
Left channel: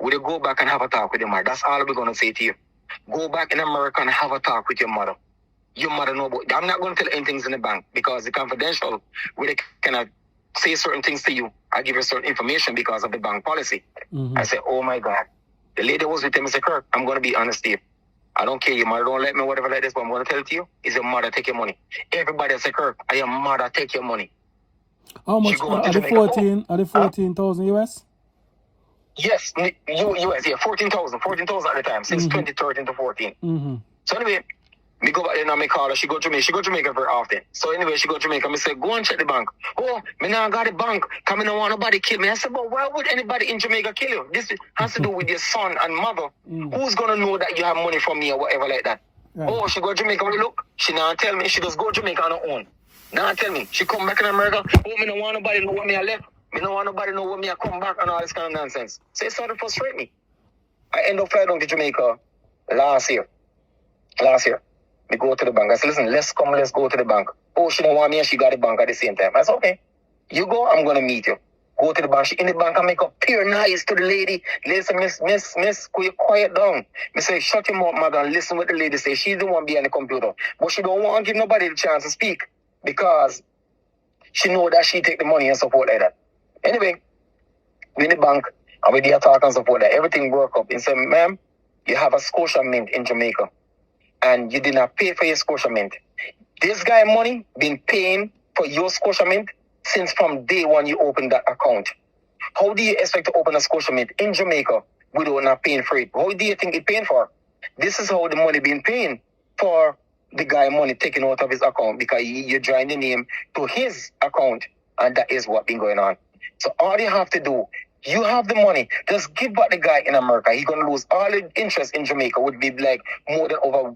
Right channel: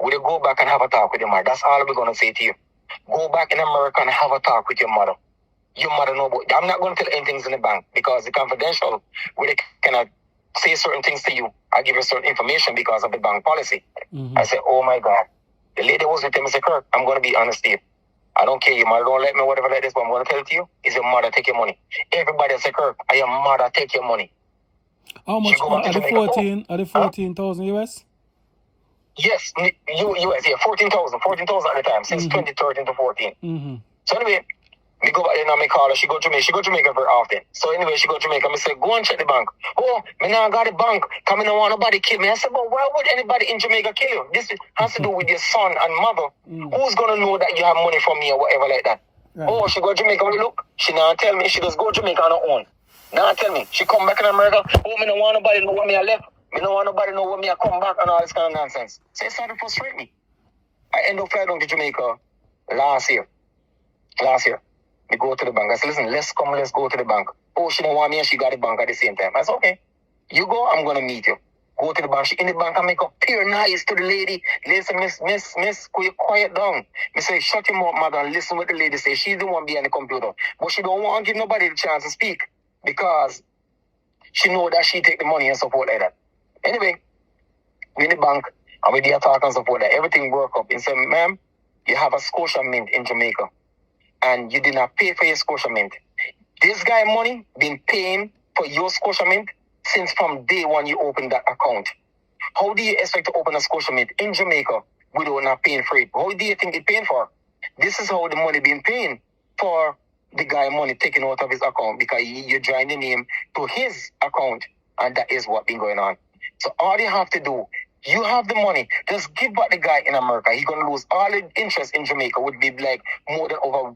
will you go back and have a talk with your mother? That's all we're going to say to you. Go back in America and have a talk with your mother. Your mother know about I'm not going to tell anything in the bank because it's confidential. Where they cannot say certain things to you. I give you certain information because of the bank policy. I said, oh my God. The lady was with him and said, Kirk, I'm going to be honest with you. I don't care. Your mother don't let me, whatever like this, but I'm going to tell it to you. Is your mother take your money. Everybody said, Kirk, are your mother take your money. How much are the 14,000 US? Yes, US, yeah, 14,000 at the time, since 2013 to 14. So anyway, me go back there and me call her. She go to Jamaica very often. So anyway, she go to Jamaica. Me say, go and check the bank. Oh, me now got the bank. Come in and want nobody kill me. I said, but why would anybody in Jamaica kill you? This has to do with your son and mother. Who's going to know that you have money from me or whatever like that? Right. Oh, she go to Jamaica. Look, she now tell me. She just go to Jamaica on her own. Now tell me. She come back in America. Oh, me no want nobody know what me I left. Me no want nobody know what me I come back and all this kind of nonsense. So it started to frustrate me. I end up flying down to Jamaica last year. We go to the bank. I said, listen, let's go to the bank. Oh, she don't want me and she got the bank at the same time. I said, okay. You go, I'm going to meet you. Go to the bank. She in the bank, I make up pure nice to the lady. Listen, miss, could you quiet down? I say, shut your mouth, mother, and listen what the lady say. She don't want to be on the computer. But she don't want to give nobody the chance to speak because she know that she take the money and support like that. Anyway, we in the bank, and we did talk and support that. Everything work up. And say, ma'am, you have a Scotia Mint in Jamaica. And you did not pay for your Scotia Mint. This guy money been paying for your Scotia Mint since from day one you opened that account. How do you expect to open a Scotia Mint in Jamaica without not paying for it? How do you think it's paying for? This is how the money been paying for the guy money taken out of his account because you join the name to his account and that is what been going on. So all you have to do, you have the money, just give back the guy in America. He's going to lose all the interest in Jamaica, would be like more than over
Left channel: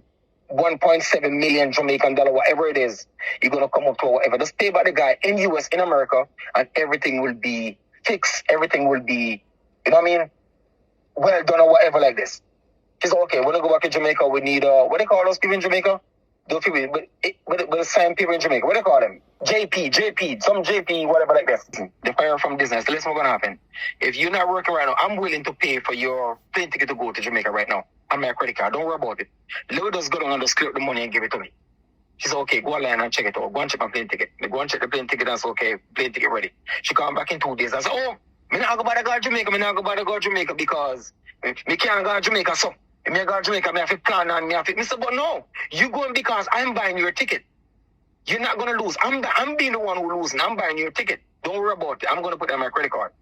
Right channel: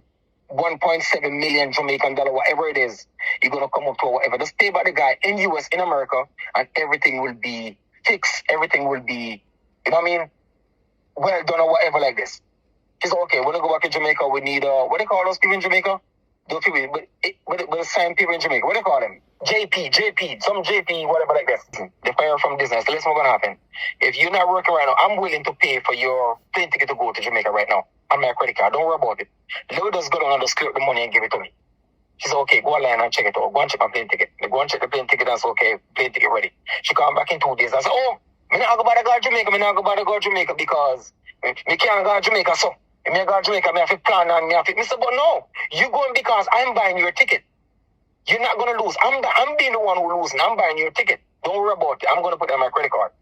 1.7 million Jamaican dollar, whatever it is, you're going to come up to whatever. Just pay back the guy in US, in America, and everything will be fixed. Everything will be, you know what I mean? Well done or whatever like this. It's okay. When I go back to Jamaica, we need, what do they call those people in Jamaica? Those people, but the same people in Jamaica. What do they call them? JP, some JP, whatever like this. The fire from business. Listen what's going to happen. If you're not working right now, I'm willing to pay for your plane ticket to go to Jamaica right now. I'm my credit card. Don't worry about it. Let us go down and just clear up the money and give it to me. She said, okay, go online and check it out. Go and check my plane ticket. I go and check the plane ticket and say, okay, plane ticket ready. She come back in 2 days. I said, oh, me not go bother go to Jamaica. Me not go bother go to Jamaica because me can't go to Jamaica. So, if me go to Jamaica, me have to plan and me have to. Me say, but no, you going because I'm buying your ticket. You're not going to lose. I'm being the one who loses. I'm buying your ticket. Don't worry about it. I'm going to put it on my credit card.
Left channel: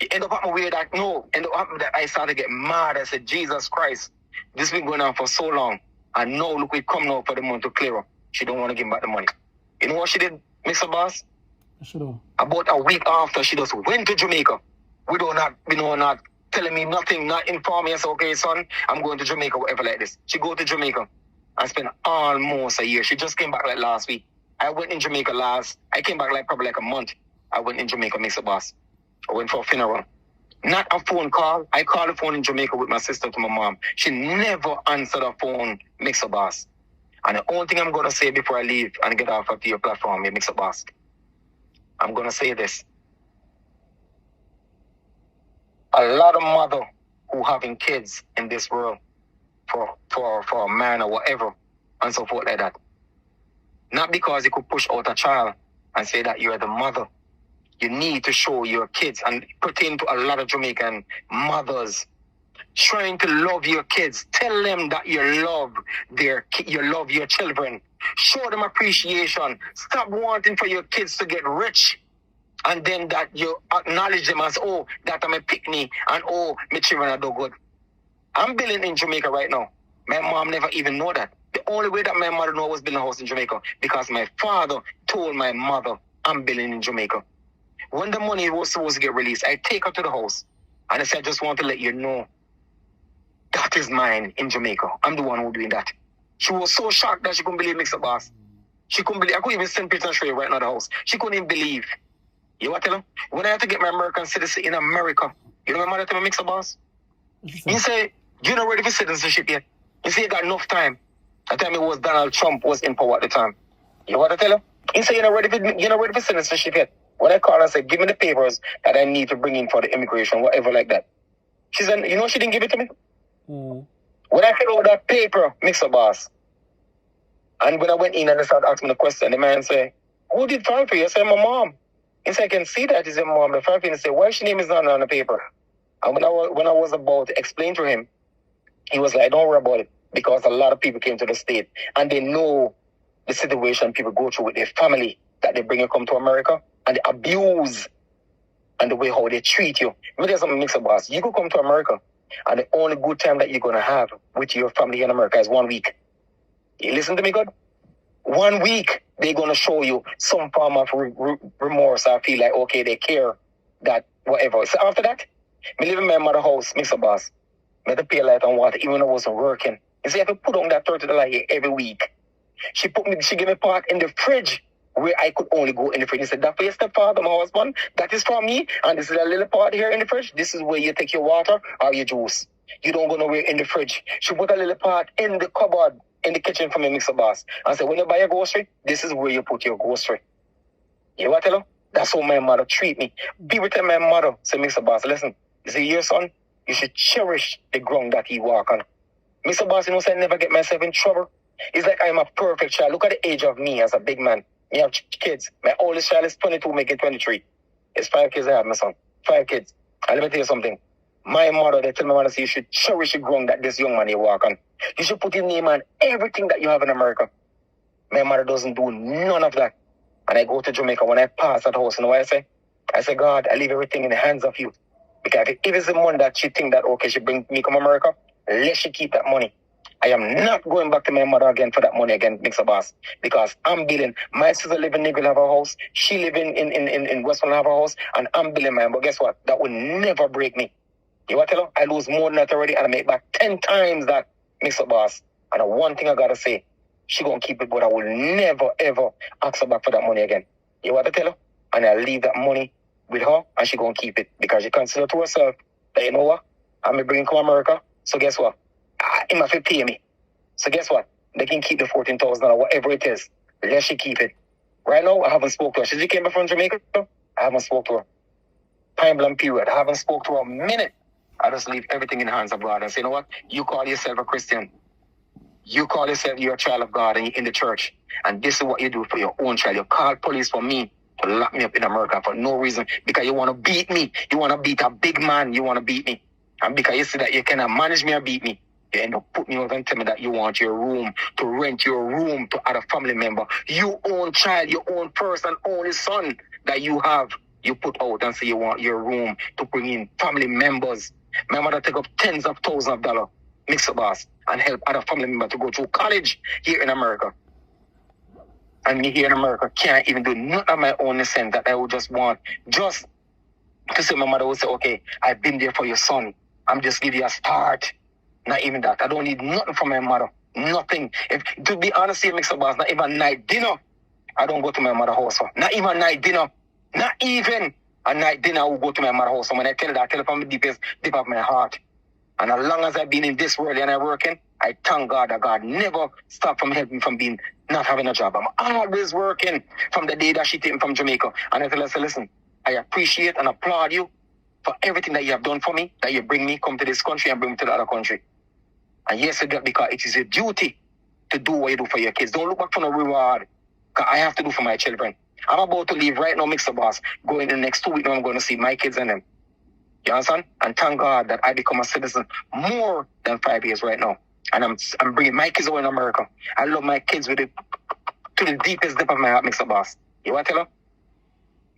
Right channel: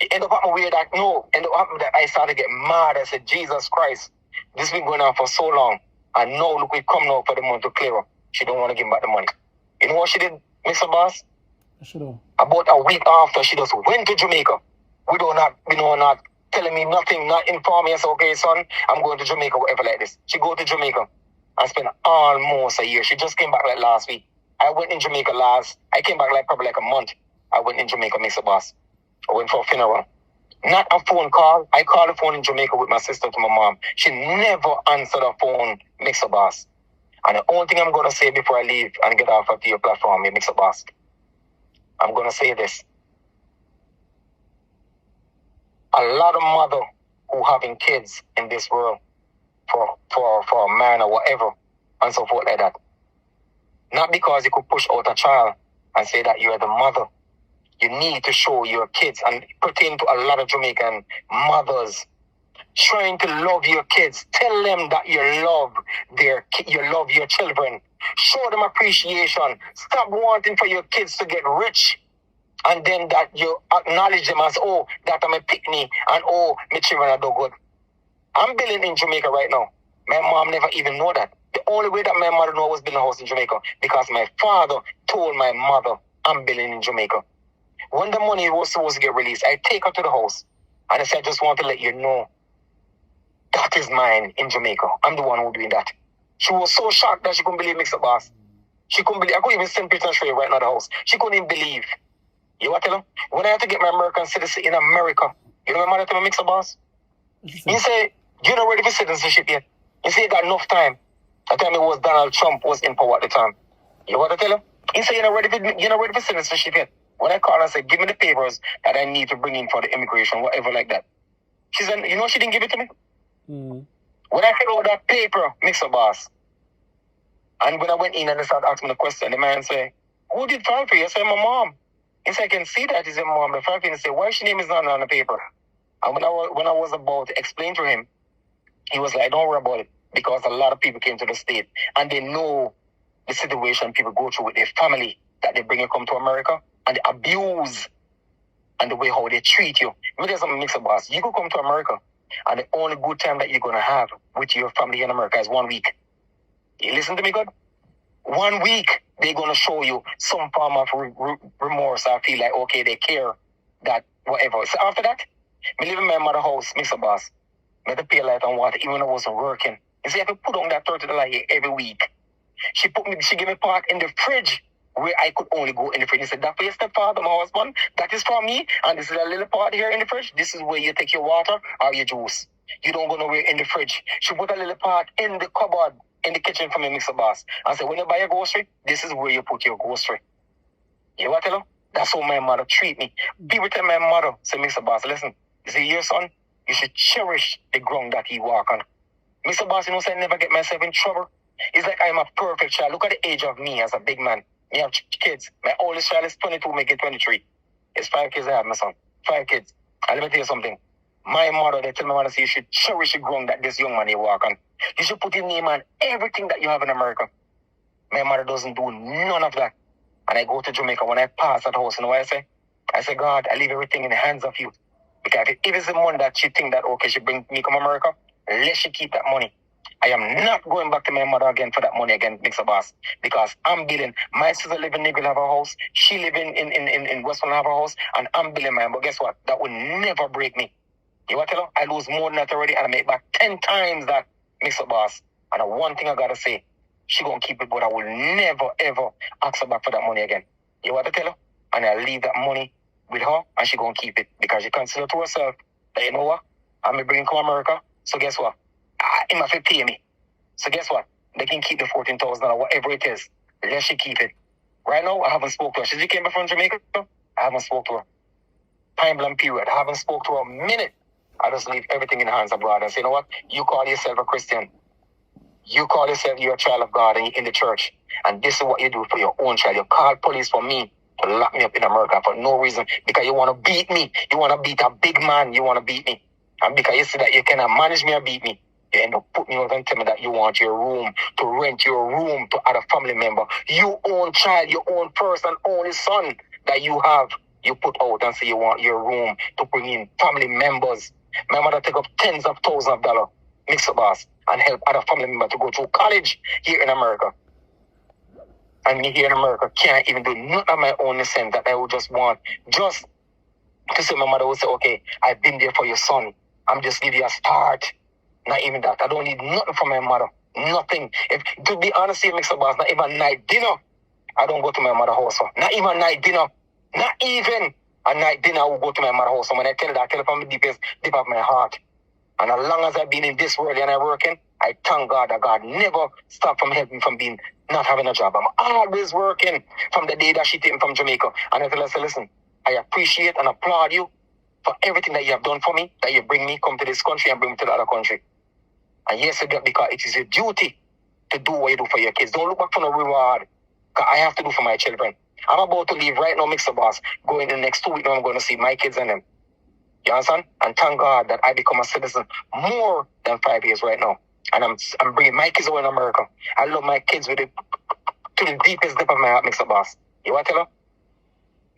It ended up happening weird that, no, ended up happening that I started to get mad. I said, Jesus Christ, this been going on for so long. And now, look, we come now for the month to clear up. She don't want to give me back the money. You know what she did, Mr. Boss? About a week after, she just went to Jamaica. Not telling me nothing, not informing me. I said, okay, son, I'm going to Jamaica, whatever like this. She go to Jamaica and spent almost a year. She just came back like last week. I went in Jamaica I came back probably like a month. I went in Jamaica, Mr. Boss. I went for a funeral. Not a phone call. I called the phone in Jamaica with my sister to my mom. She never answered the phone, Mixer Boss. And the only thing I'm going to say before I leave and get off of your platform, Mixer Boss, I'm going to say this. A lot of mothers who having kids in this world for a man or whatever and so forth like that. Not because you could push out a child and say that you're the mother. You need to show your kids, and pertain to a lot of Jamaican mothers, trying to love your kids. Tell them that you love your children. Show them appreciation. Stop wanting for your kids to get rich, and then that you acknowledge them as, oh, that I'm a pickney, and oh, my children are do good. I'm building in Jamaica right now. My mom never even know that. The only way that my mother know was building a house in Jamaica because my father told my mother I'm building in Jamaica. When the money was supposed to get released, I take her to the house and I said, I just want to let you know that is mine in Jamaica. I'm the one who's doing that. She was so shocked that she couldn't believe Mixer Boss. She couldn't believe. I couldn't even send pictures and show you right now the house. She couldn't even believe. You want to tell her? When I had to get my American citizenship in America, you know my mother told me, Mixer Boss? He said, you're not ready for citizenship yet. He said, you got enough time. The time it was Donald Trump was in power at the time. You want to tell her? He said, you're not ready for citizenship yet. When I called, I said, give me the papers that I need to bring in for the immigration, whatever like that. She said, you know, she didn't give it to me. When I filled out that paper, Mixer Boss, and when I went in and I started asking the question, the man said, who did file for you? I said, my mom. He said, I can see that. He said, mom, the file for you. He said, why your name is not on the paper? And when I was about to explain to him, he was like, don't worry about it, because a lot of people came to the state and they know the situation people go through with their family, that they bring you come to America, and the abuse and the way how they treat you. Let me tell you something, Mixer Boss. You could come to America, and the only good time that you're going to have with your family in America is 1 week. You listen to me, God? 1 week, they're going to show you some form of remorse. I feel like, okay, they care, that whatever. So after that, I live in my mother's house, Mixer Boss. I had to pay light and water, even though I wasn't working. You see, I have to put on that $30 here every week. She gave me part in the fridge where I could only go in the fridge. He said, that for your stepfather, my husband, that is for me. And this is a little part here in the fridge. This is where you take your water or your juice. You don't go nowhere in the fridge. She put a little part in the cupboard, in the kitchen for me, Mixer Boss. I said, when you buy a grocery, this is where you put your grocery. You want to tell her? That's how my mother treat me. People tell my mother, say, Mixer Boss, listen, you see your son, you should cherish the ground that he walk on. Mr. Boss, you know, so I never get myself in trouble. It's like I'm a perfect child. Look at the age of me as a big man. Me have kids. My oldest child is 22, making 23. It's 5 kids I have, my son. 5 kids. And let me tell you something. My mother, they tell my mother, say, you should cherish the ground that this young man you walk on. You should put his name on everything that you have in America. My mother doesn't do none of that. And I go to Jamaica. When I pass that house, you know what I say? I say, God, I leave everything in the hands of you. Because if it's the money that she think that, okay, she bring me come America, let she keep that money. I am not going back to my mother again for that money again, Mixer Boss. Because I'm building. My sister live in Nigel have a house. She live in Westland have a house. And I'm building mine. But guess what? That will never break me. You want to tell her? I lose more than that already. And I make back 10 times that, Mixer Boss. And the one thing I got to say, she going to keep it. But I will never, ever ask her back for that money again. You want to tell her? And I'll leave that money with her. And she going to keep it. Because she consider to herself that, you know what? I'm going to bring to America. So guess what? He must pay me. So guess what? They can keep the $14,000, whatever it is. Let she keep it. Right now, I haven't spoken to her. She came back from Jamaica. I haven't spoken to her. Time blank period. I haven't spoken to her a minute. I just leave everything in the hands of God and say, you know what? You call yourself a Christian. You call yourself you're a child of God and you're in the church. And this is what you do for your own child. You call police for me to lock me up in America for no reason. Because you want to beat me. You want to beat a big man. You want to beat me. And because you see that you cannot manage me or beat me, you end up putting me over and tell me that you want your room, to rent your room to other family member. You own child, your own person, only son that you have, you put out and say you want your room to bring in family members. My mother take up tens of thousands of dollars, MIXUP boss, and help other family members to go through college here in America. And me here in America can't even do nothing of my own in the sense that I would just want just to say my mother would say, okay, I've been there for your son. I'm just giving you a start. Not even that. I don't need nothing from my mother. Nothing. If to be honest here, MIXUP boss, not even night dinner. I don't go to my mother's house. Not even night dinner. Not even a night dinner I will go to my mother's house. So when I tell her that, I tell her from the deepest deep of my heart. And as long as I've been in this world and I'm working, I thank God that God never stopped from helping me from being not having a job. I'm always working from the day that she took me from Jamaica. And I tell her, say, listen, I appreciate and applaud you for everything that you have done for me, that you bring me, come to this country and bring me to the other country. And yes, I do it because it is your duty to do what you do for your kids. Don't look back for no reward. Because I have to do for my children. I'm about to leave right now, MIXUP boss. Going in the next 2 weeks, I'm going to see my kids and them. You understand? And thank God that I become a citizen more than 5 years right now. And I'm bringing my kids over in America. I love my kids with it to the deepest depth of my heart, MIXUP boss. You want to tell them?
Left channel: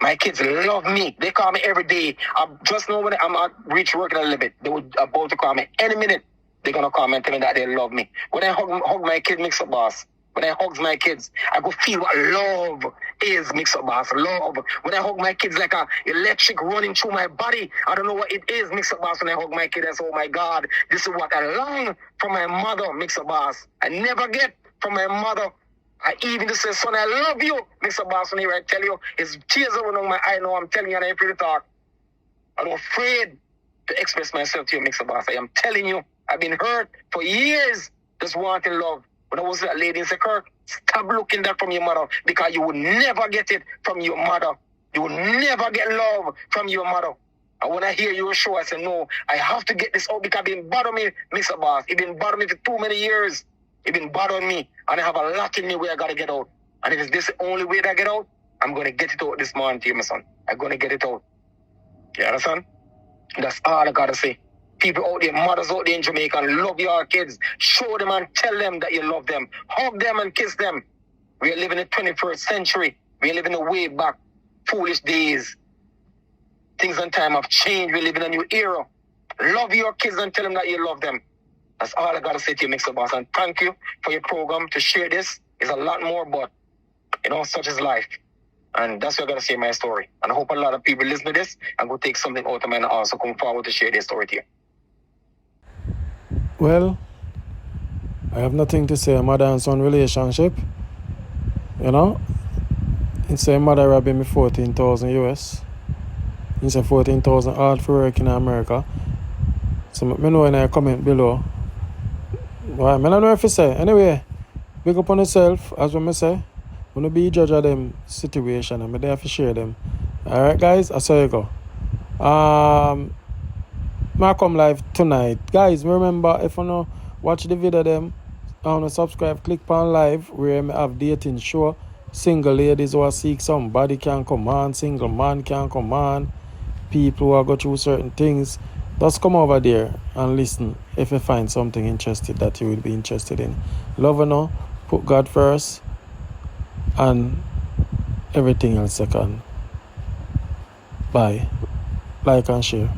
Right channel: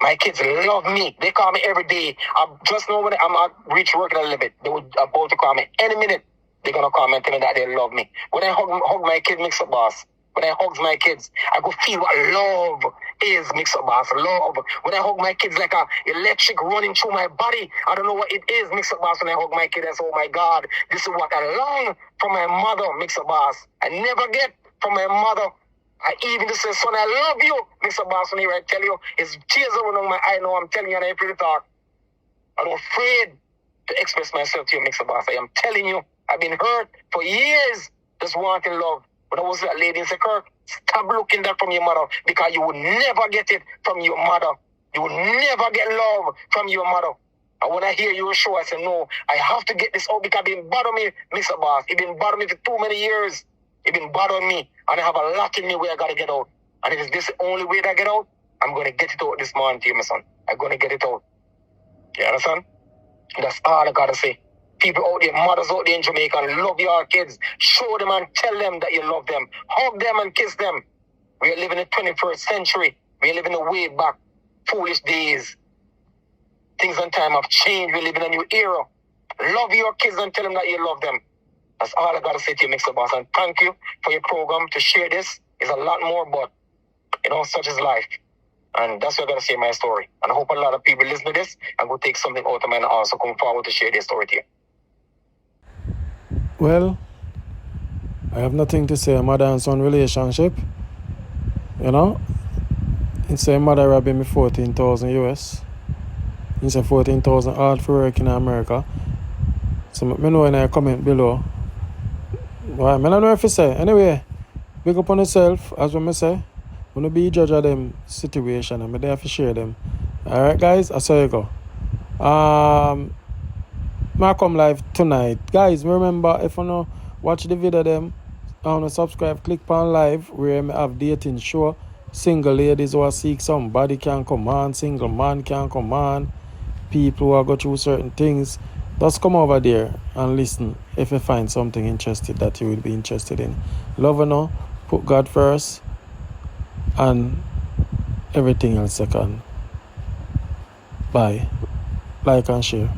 My kids love me. They call me every day. Just know when I'm at reach work a little bit, they would about to call me any minute. They're going to call me and tell me that they love me. When I hug my kid, MIXUP boss, when I hug my kids, I go feel what love is, MIXUP boss. Love. When I hug my kids like a electric running through my body, I don't know what it is, MIXUP boss. When I hug my kid, I say, oh my God, this is what I long from my mother, MIXUP boss. I never get from my mother. I even just say, son, I love you, MIXUP boss. When I tell you, it's tears running on my eye now. I'm telling you, and I feel the talk. I'm afraid to express myself to you, MIXUP boss. I am telling you, I've been hurt for years, just wanting love. When I was that lady in the Kirk, stop looking that from your mother because you will never get it from your mother. You will never get love from your mother. And when I hear your show, I say, no, I have to get this out because it's been bothering me, MIXUP boss. It's been bothering me for too many years. It's been bothering me. And I have a lot in me where I got to get out. And if it's this the only way that I get out, I'm going to get it out this morning to you, my son. I'm going to get it out. You understand? That's all I got to say. People out there, mothers out there in Jamaica, love your kids. Show them and tell them that you love them. Hug them and kiss them. We are living in the 21st century. We are living in way back, foolish days. Things and time have changed. We live in a new era. Love your kids and tell them that you love them. That's all I got to say to you, MIXUP boss. And thank you for your program to share this. It's a lot more, but, such is life. And that's what I got to say in my story. And I hope a lot of people listen to this and will take something out of it and also come forward to share their story to you. Well, I have nothing to say. Mother and son relationship. It's a mother robbing me 14,000 US. It's a 14,000 hard for work in America. So me know in a comment below. Well, I don't know if you say. Anyway, big up on yourself, as what I say. When you be judge of them situation, I'm there to share them. Alright guys, I saw you go. I come live tonight. Guys, remember if you know watch the video them, subscribe, click on live where I have dating show. Single ladies who are seek somebody can come on, single man can come on, people who are go through certain things. Just come over there and listen if you find something interesting that you will be interested in. Love you know, put God first and everything else second. Bye. Like and share.